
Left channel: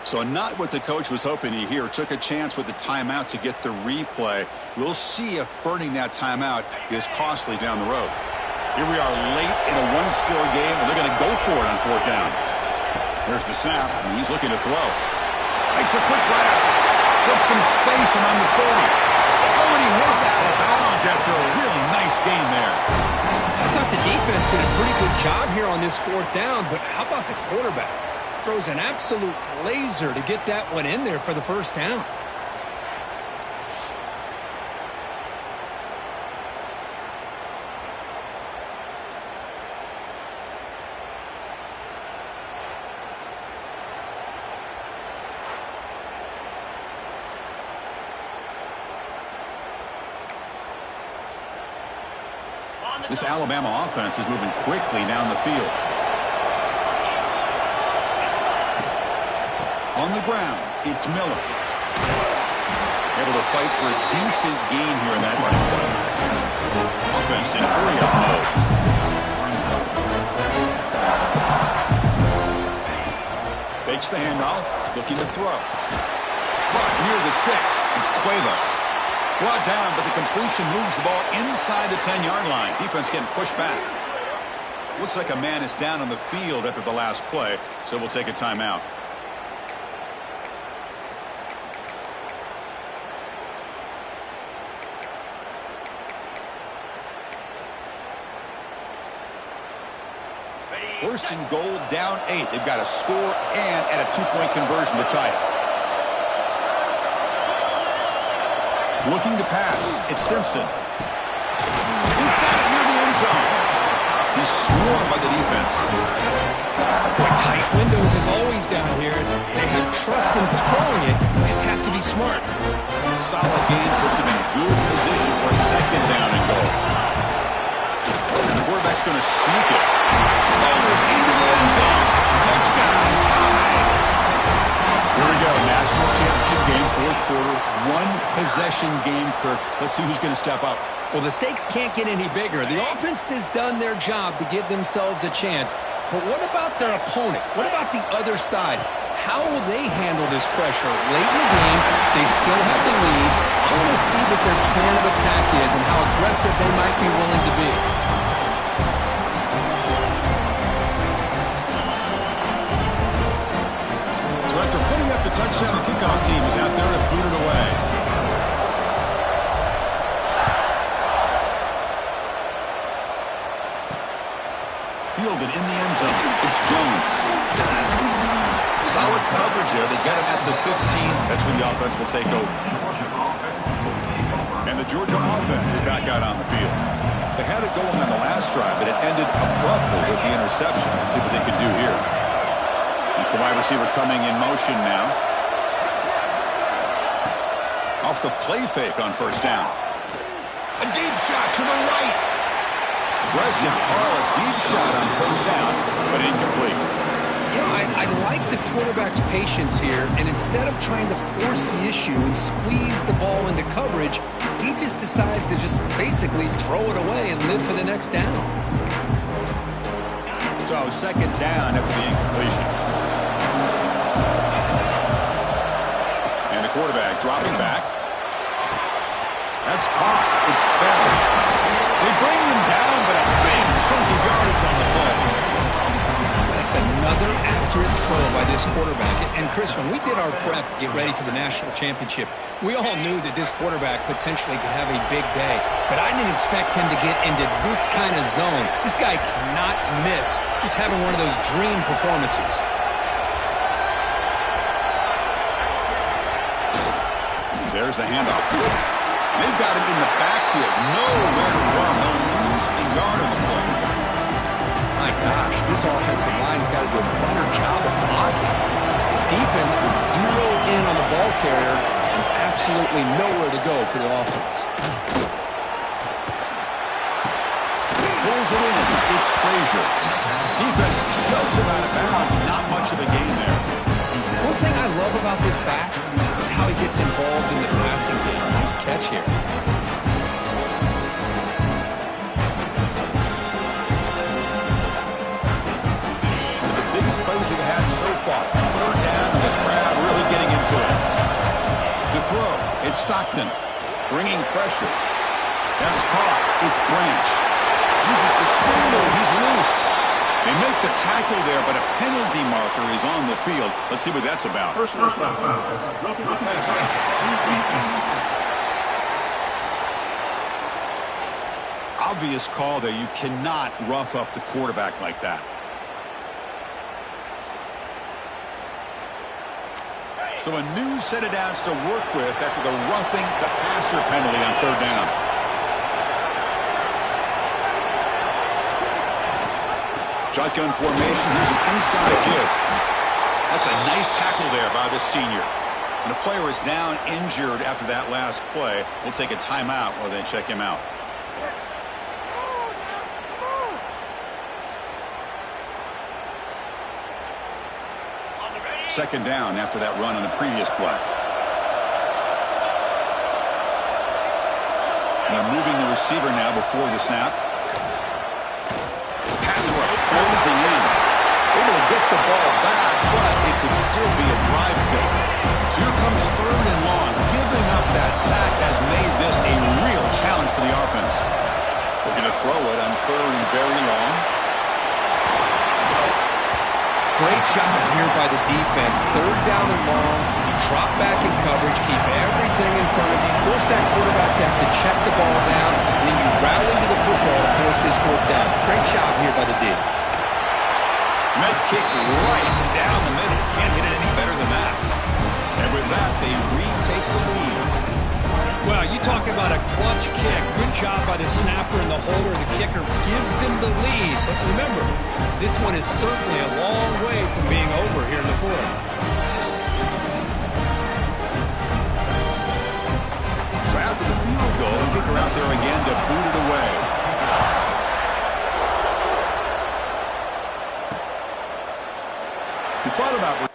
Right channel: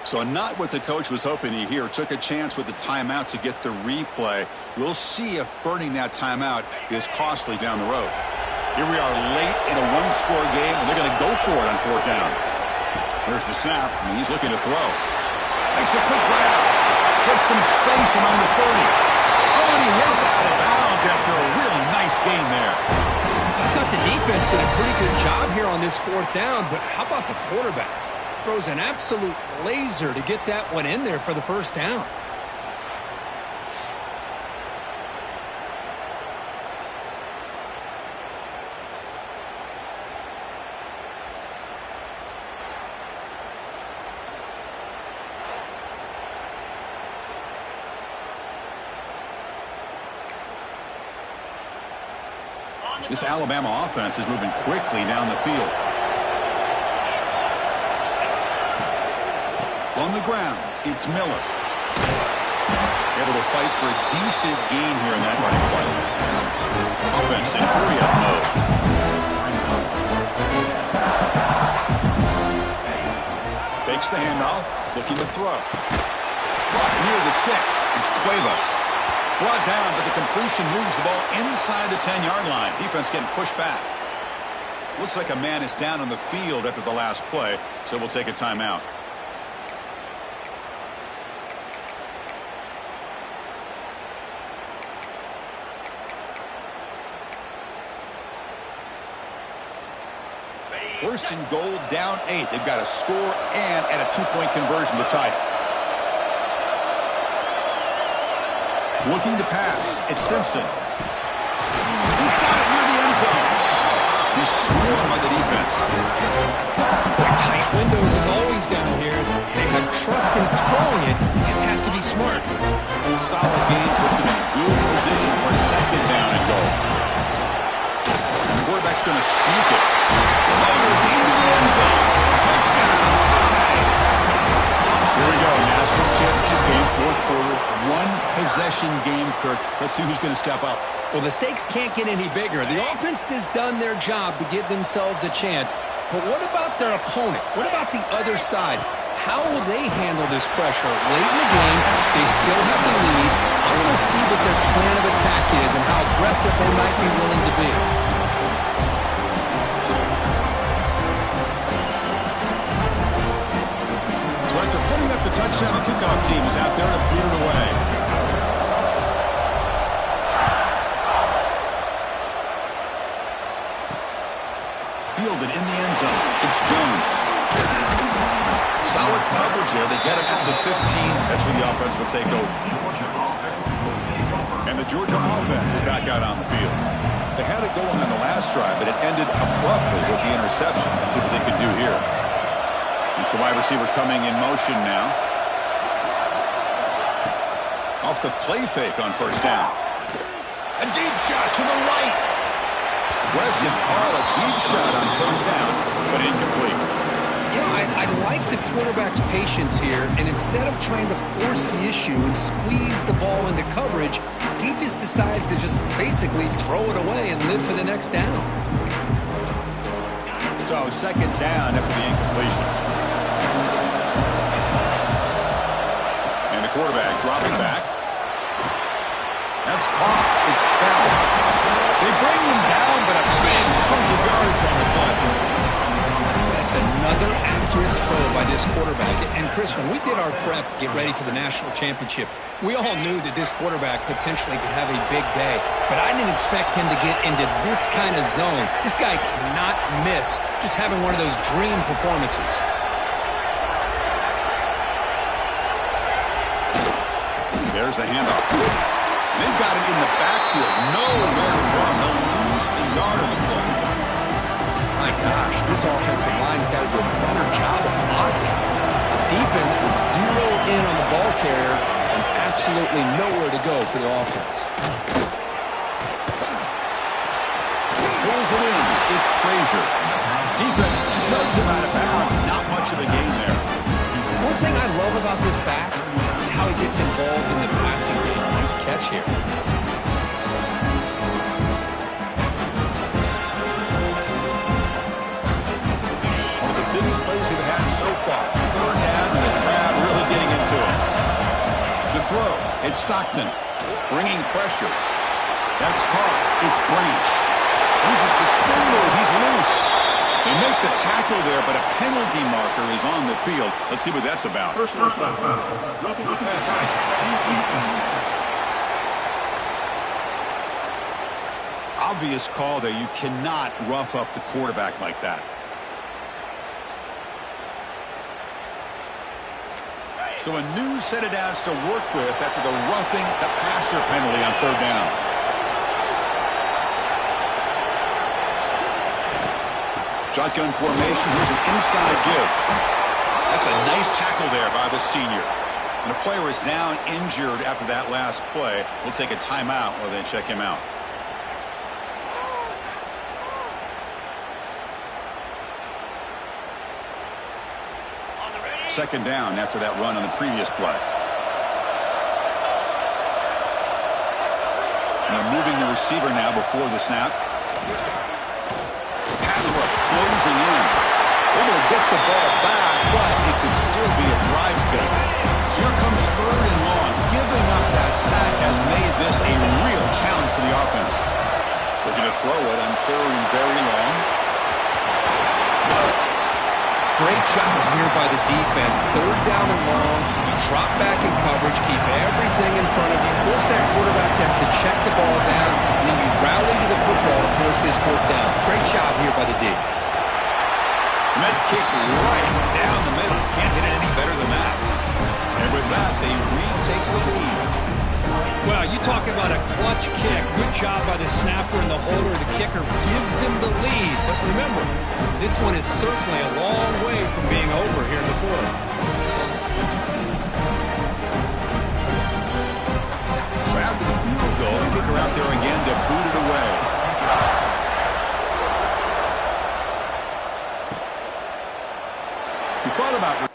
So not what the coach was hoping to hear. Took a chance with the timeout to get the replay. We'll see if burning that timeout is costly down the road. Here we are late in a one-score game, and they're going to go for it on fourth down. There's the snap, and he's looking to throw. Makes a quick grab. Gets some space around the 30. Oh, and he heads out of bounds after a really nice gain there. I thought the defense did a pretty good job here on this fourth down, but how about the quarterback? Throws an absolute laser to get that one in there for the first down. This Alabama offense is moving quickly down the field. On the ground, it's Miller. Able to fight for a decent gain here in that running play. Offense in hurry-up mode. Takes the handoff, looking to throw. Brought near the sticks. It's Cuevas. Brought down, but the completion moves the ball inside the 10-yard line. Defense getting pushed back. Looks like a man is down on the field after the last play, so we'll take a timeout. First and goal, down 8. They've got a score and at a 2-point conversion to tie it. Looking to pass. It's Simpson. He's got it near the end zone. He's swarmed by the defense. Boy, tight windows is always down here. They have trust in throwing it. You just have to be smart. Solid game puts him in good position for second down and goal. And the quarterback's going to sneak it. Motors into the end zone. Touchdown. Tied. Here we go. National championship game, fourth quarter. One possession game, Kirk. Let's see who's going to step up. Well, the stakes can't get any bigger. The offense has done their job to give themselves a chance. But what about their opponent? What about the other side? How will they handle this pressure? Late in the game, they still have the lead. I want to see what their plan of attack is and how aggressive they might be willing to be. So after putting up The touchdown, the kickoff team is out there to boot it away. Fielded in the end zone. It's Jones. Solid coverage there. They get him at the 15. That's where the offense will take over. And the Georgia offense is back out on the field. They had it going on the last drive, but it ended abruptly with the interception. Let's see what they can do here. It's the wide receiver coming in motion now. Off the play fake on first down. A deep shot to the right. Aggressive call, a deep shot on first down, but incomplete. I like the quarterback's patience here, and instead of trying to force the issue and squeeze the ball into coverage, he just decides to just basically throw it away and live for the next down. So second down after the incompletion. And the quarterback dropping back. That's caught. It's buried. They bring him down, but a big chunky yardage on the play. That's another accurate throw by this quarterback. And Chris, when we did our prep to get ready for the national championship, we all knew that this quarterback potentially could have a big day. But I didn't expect him to get into this kind of zone. This guy cannot miss just having one of those dream performances. There's the handoff. They've got him in the backfield. Nowhere to run. They'll lose a yard on the play. My gosh, this offensive line's got to do a better job of blocking. The defense was zeroed in on the ball carrier and absolutely nowhere to go for the offense. Pulls it in. It's Frazier. Defense shoves him out of bounds. Not much of a gain there. One thing I love about this back is how he gets involved in the passing game. Nice catch here. Biggest plays we've had so far. Third down, and the crowd really getting into it. To throw, it's Stockton. Bringing pressure. That's caught. It's Branch. Uses the spin move. He's loose. They make the tackle there, but a penalty marker is on the field. Let's see what that's about. Personal foul. Roughing the passer. Obvious call there. You cannot rough up the quarterback like that. So a new set of downs to work with after the roughing the passer penalty on third down. Shotgun formation. Here's an inside give. That's a nice tackle there by the senior. And a player is down injured after that last play. We'll take a timeout while they check him out. Second down after that run on the previous play. And they're moving the receiver now before the snap. Pass rush closing in. Able to get the ball back, but it could still be a drive kill. So here comes third and long. Giving up that sack has made this a real challenge for the offense. Looking to throw it on third and very long. Great job here by the defense. Third down and long. You drop back in coverage, keep everything in front of you, force that quarterback to have to check the ball down, and then you rally to the football to force this fourth down. Great job here by the D. And that kick right down the middle. Can't hit it any better than that. And with that, they retake the lead. Well, you talk about a clutch kick. Good job by the snapper and the holder. The kicker gives them the lead. But remember, this one is certainly a long way from being over here in the fourth. So after the field goal, the kicker out there again to boot it away. You thought about...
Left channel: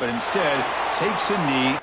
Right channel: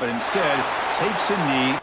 but instead takes a knee.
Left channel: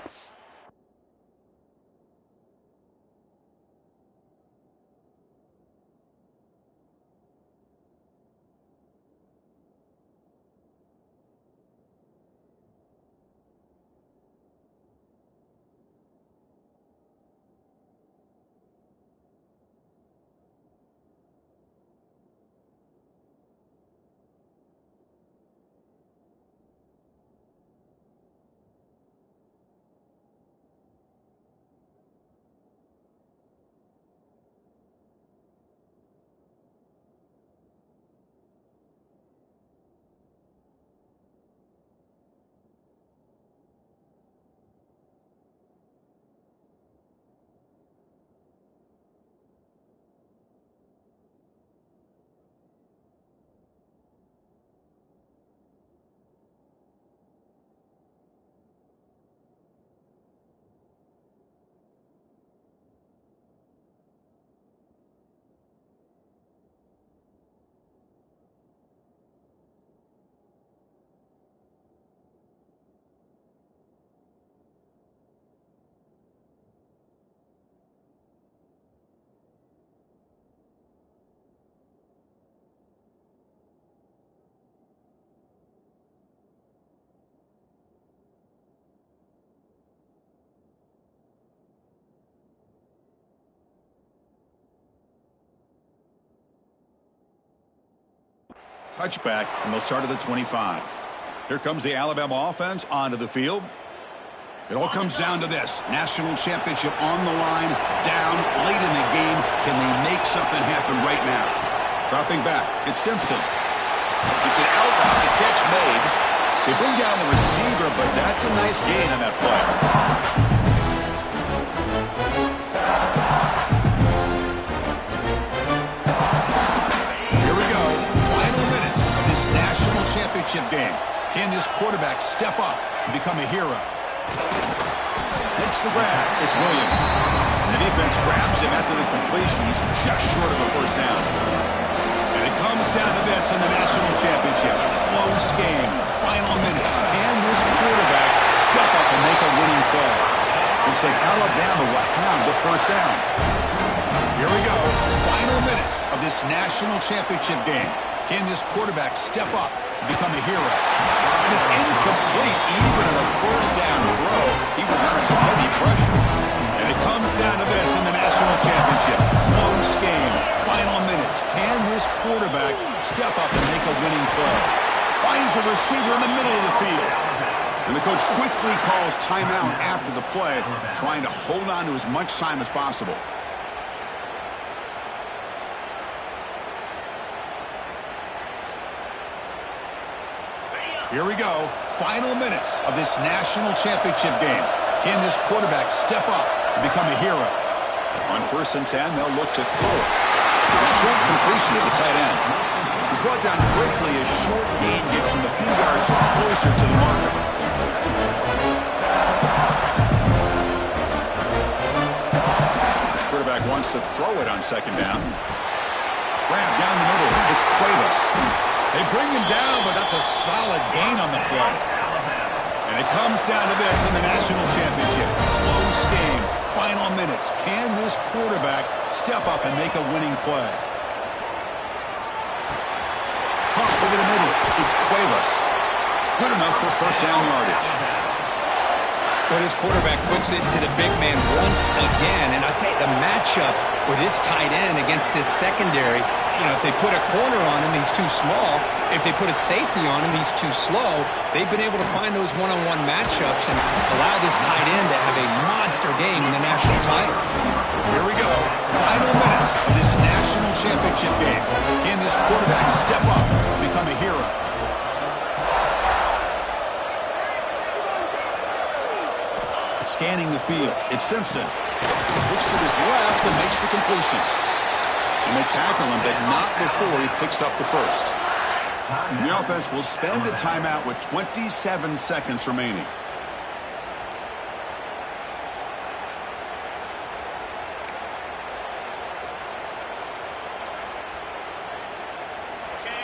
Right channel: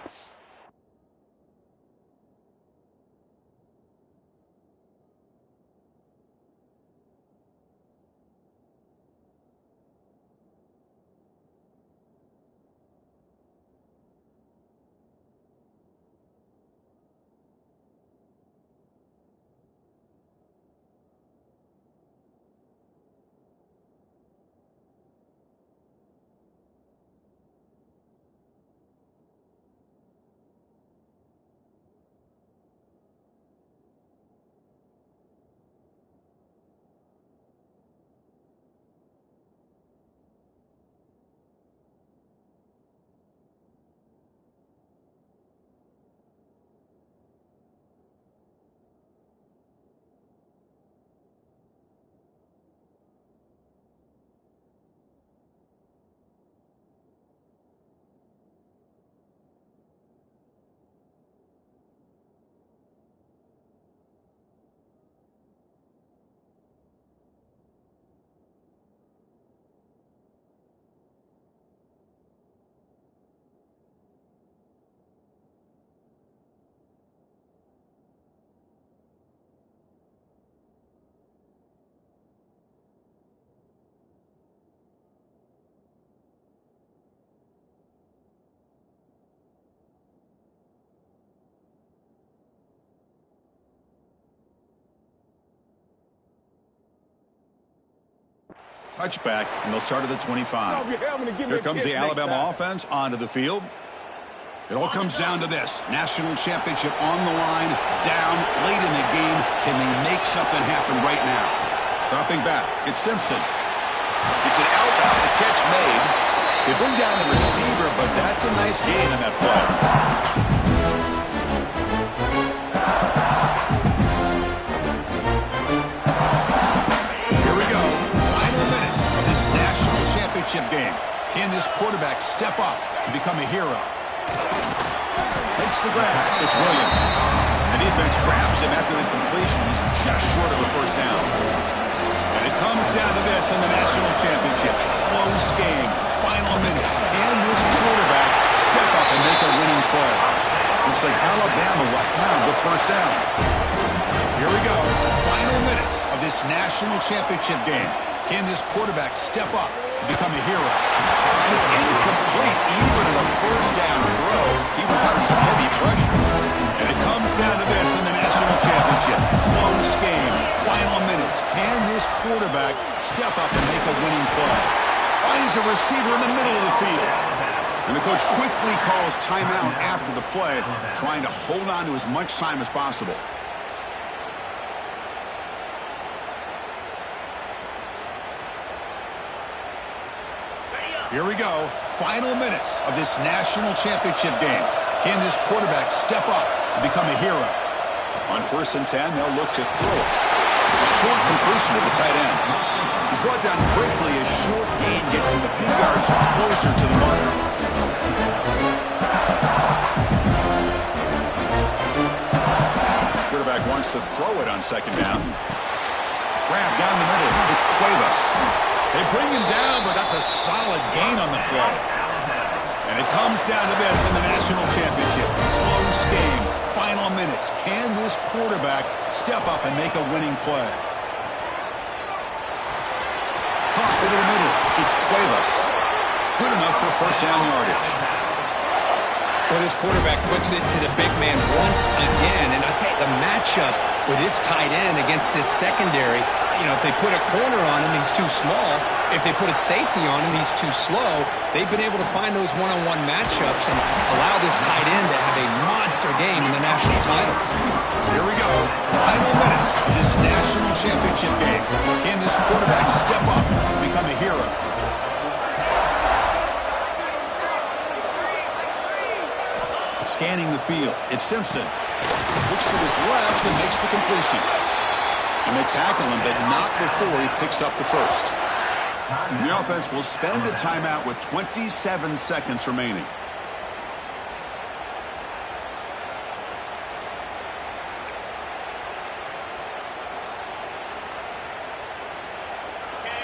Touchback, and they'll start at the 25. Here comes the Alabama offense onto the field. It all comes down to this. National championship on the line, down late in the game. Can they make something happen right now? Dropping back, it's Simpson. It's an outbound, the catch made. They bring down the receiver, but that's a nice gain on that play. Here we go. Final minutes of this national championship game. Can this quarterback step up and become a hero? Takes the grab. It's Williams. The defense grabs him after the completion. He's just short of a first down. And it comes down to this in the national championship. Close game. Final minutes. Can this quarterback step up and make a winning play? Looks like Alabama will have the first down. Here we go. Final minutes of this national championship game. Can this quarterback step up and become a hero? And it's incomplete, even in a first down throw. He was under some heavy pressure. And it comes down to this in the national championship. Close game. Final minutes. Can this quarterback step up and make a winning play? Finds a receiver in the middle of the field. And the coach quickly calls timeout after the play, trying to hold on to as much time as possible. Here we go. Final minutes of this national championship game. Can this quarterback step up and become a hero? On 1st and 10, they'll look to throw it. A short completion to the tight end. He's brought down quickly. A short gain gets them a few yards closer to the marker. Quarterback wants to throw it on 2nd down. Grab down the middle. It's Cuevas. They bring him down, but that's a solid gain on the play. And it comes down to this in the national championship. Close game. Final minutes. Can this quarterback step up and make a winning play? Caught over the middle. It's Cuevas. Good enough for first down yardage. Well, this quarterback puts it to the big man once again. And I'll tell you, the matchup with this tight end against this secondary, you know, if they put a corner on him, he's too small. If they put a safety on him, he's too slow. They've been able to find those one-on-one matchups and allow this tight end to have a monster game in the national title. Here we go. Final minutes of this national championship game. Can this quarterback step up and become a hero? Scanning the field. It's Simpson. Looks to his left and makes the completion. And they tackle him, but not before he picks up the first. And the offense will spend a timeout with 27 seconds remaining.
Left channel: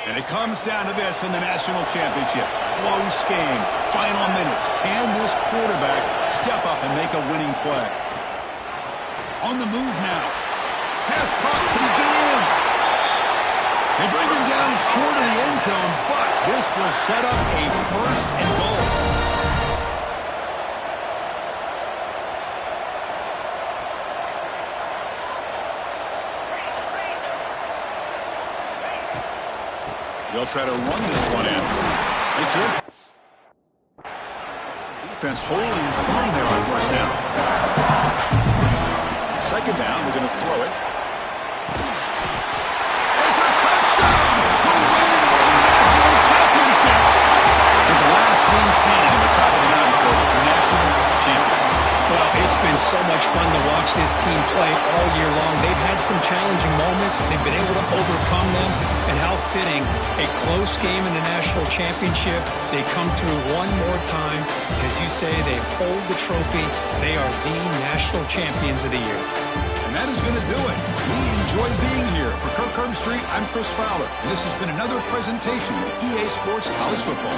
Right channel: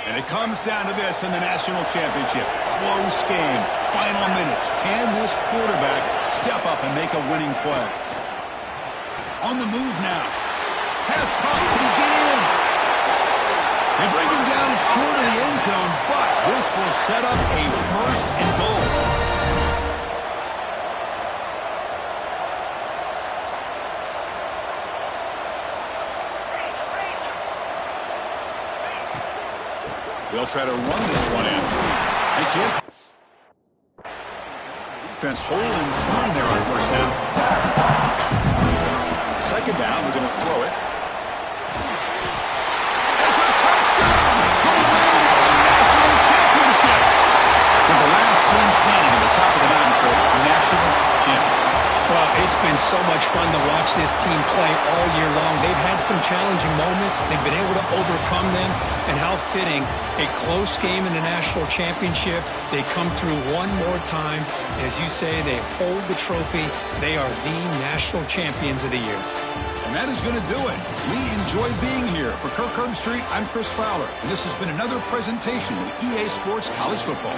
And it comes down to this in the national championship. Close game. Final minutes. Can this quarterback step up and make a winning play? On the move now. Pass caught. Can he get in? They bring him down short of the end zone, but this will set up a 1st and goal. They'll try to run this one in. They can't. Defense holding firm there on 1st down. 2nd down, we're going to throw it. It's a touchdown to win the national championship. For the last team standing at the top of the mountain for national champions. Well, it's been so much fun to watch this team play all year long. They've had some challenging moments. They've been able to overcome them. And how fitting, a close game in the national championship. They come through one more time. As you say, they hold the trophy. They are the national champions of the year. And that is going to do it. We enjoy being here. For Kirk Herbstreit, I'm Chris Fowler. And this has been another presentation of EA Sports College Football.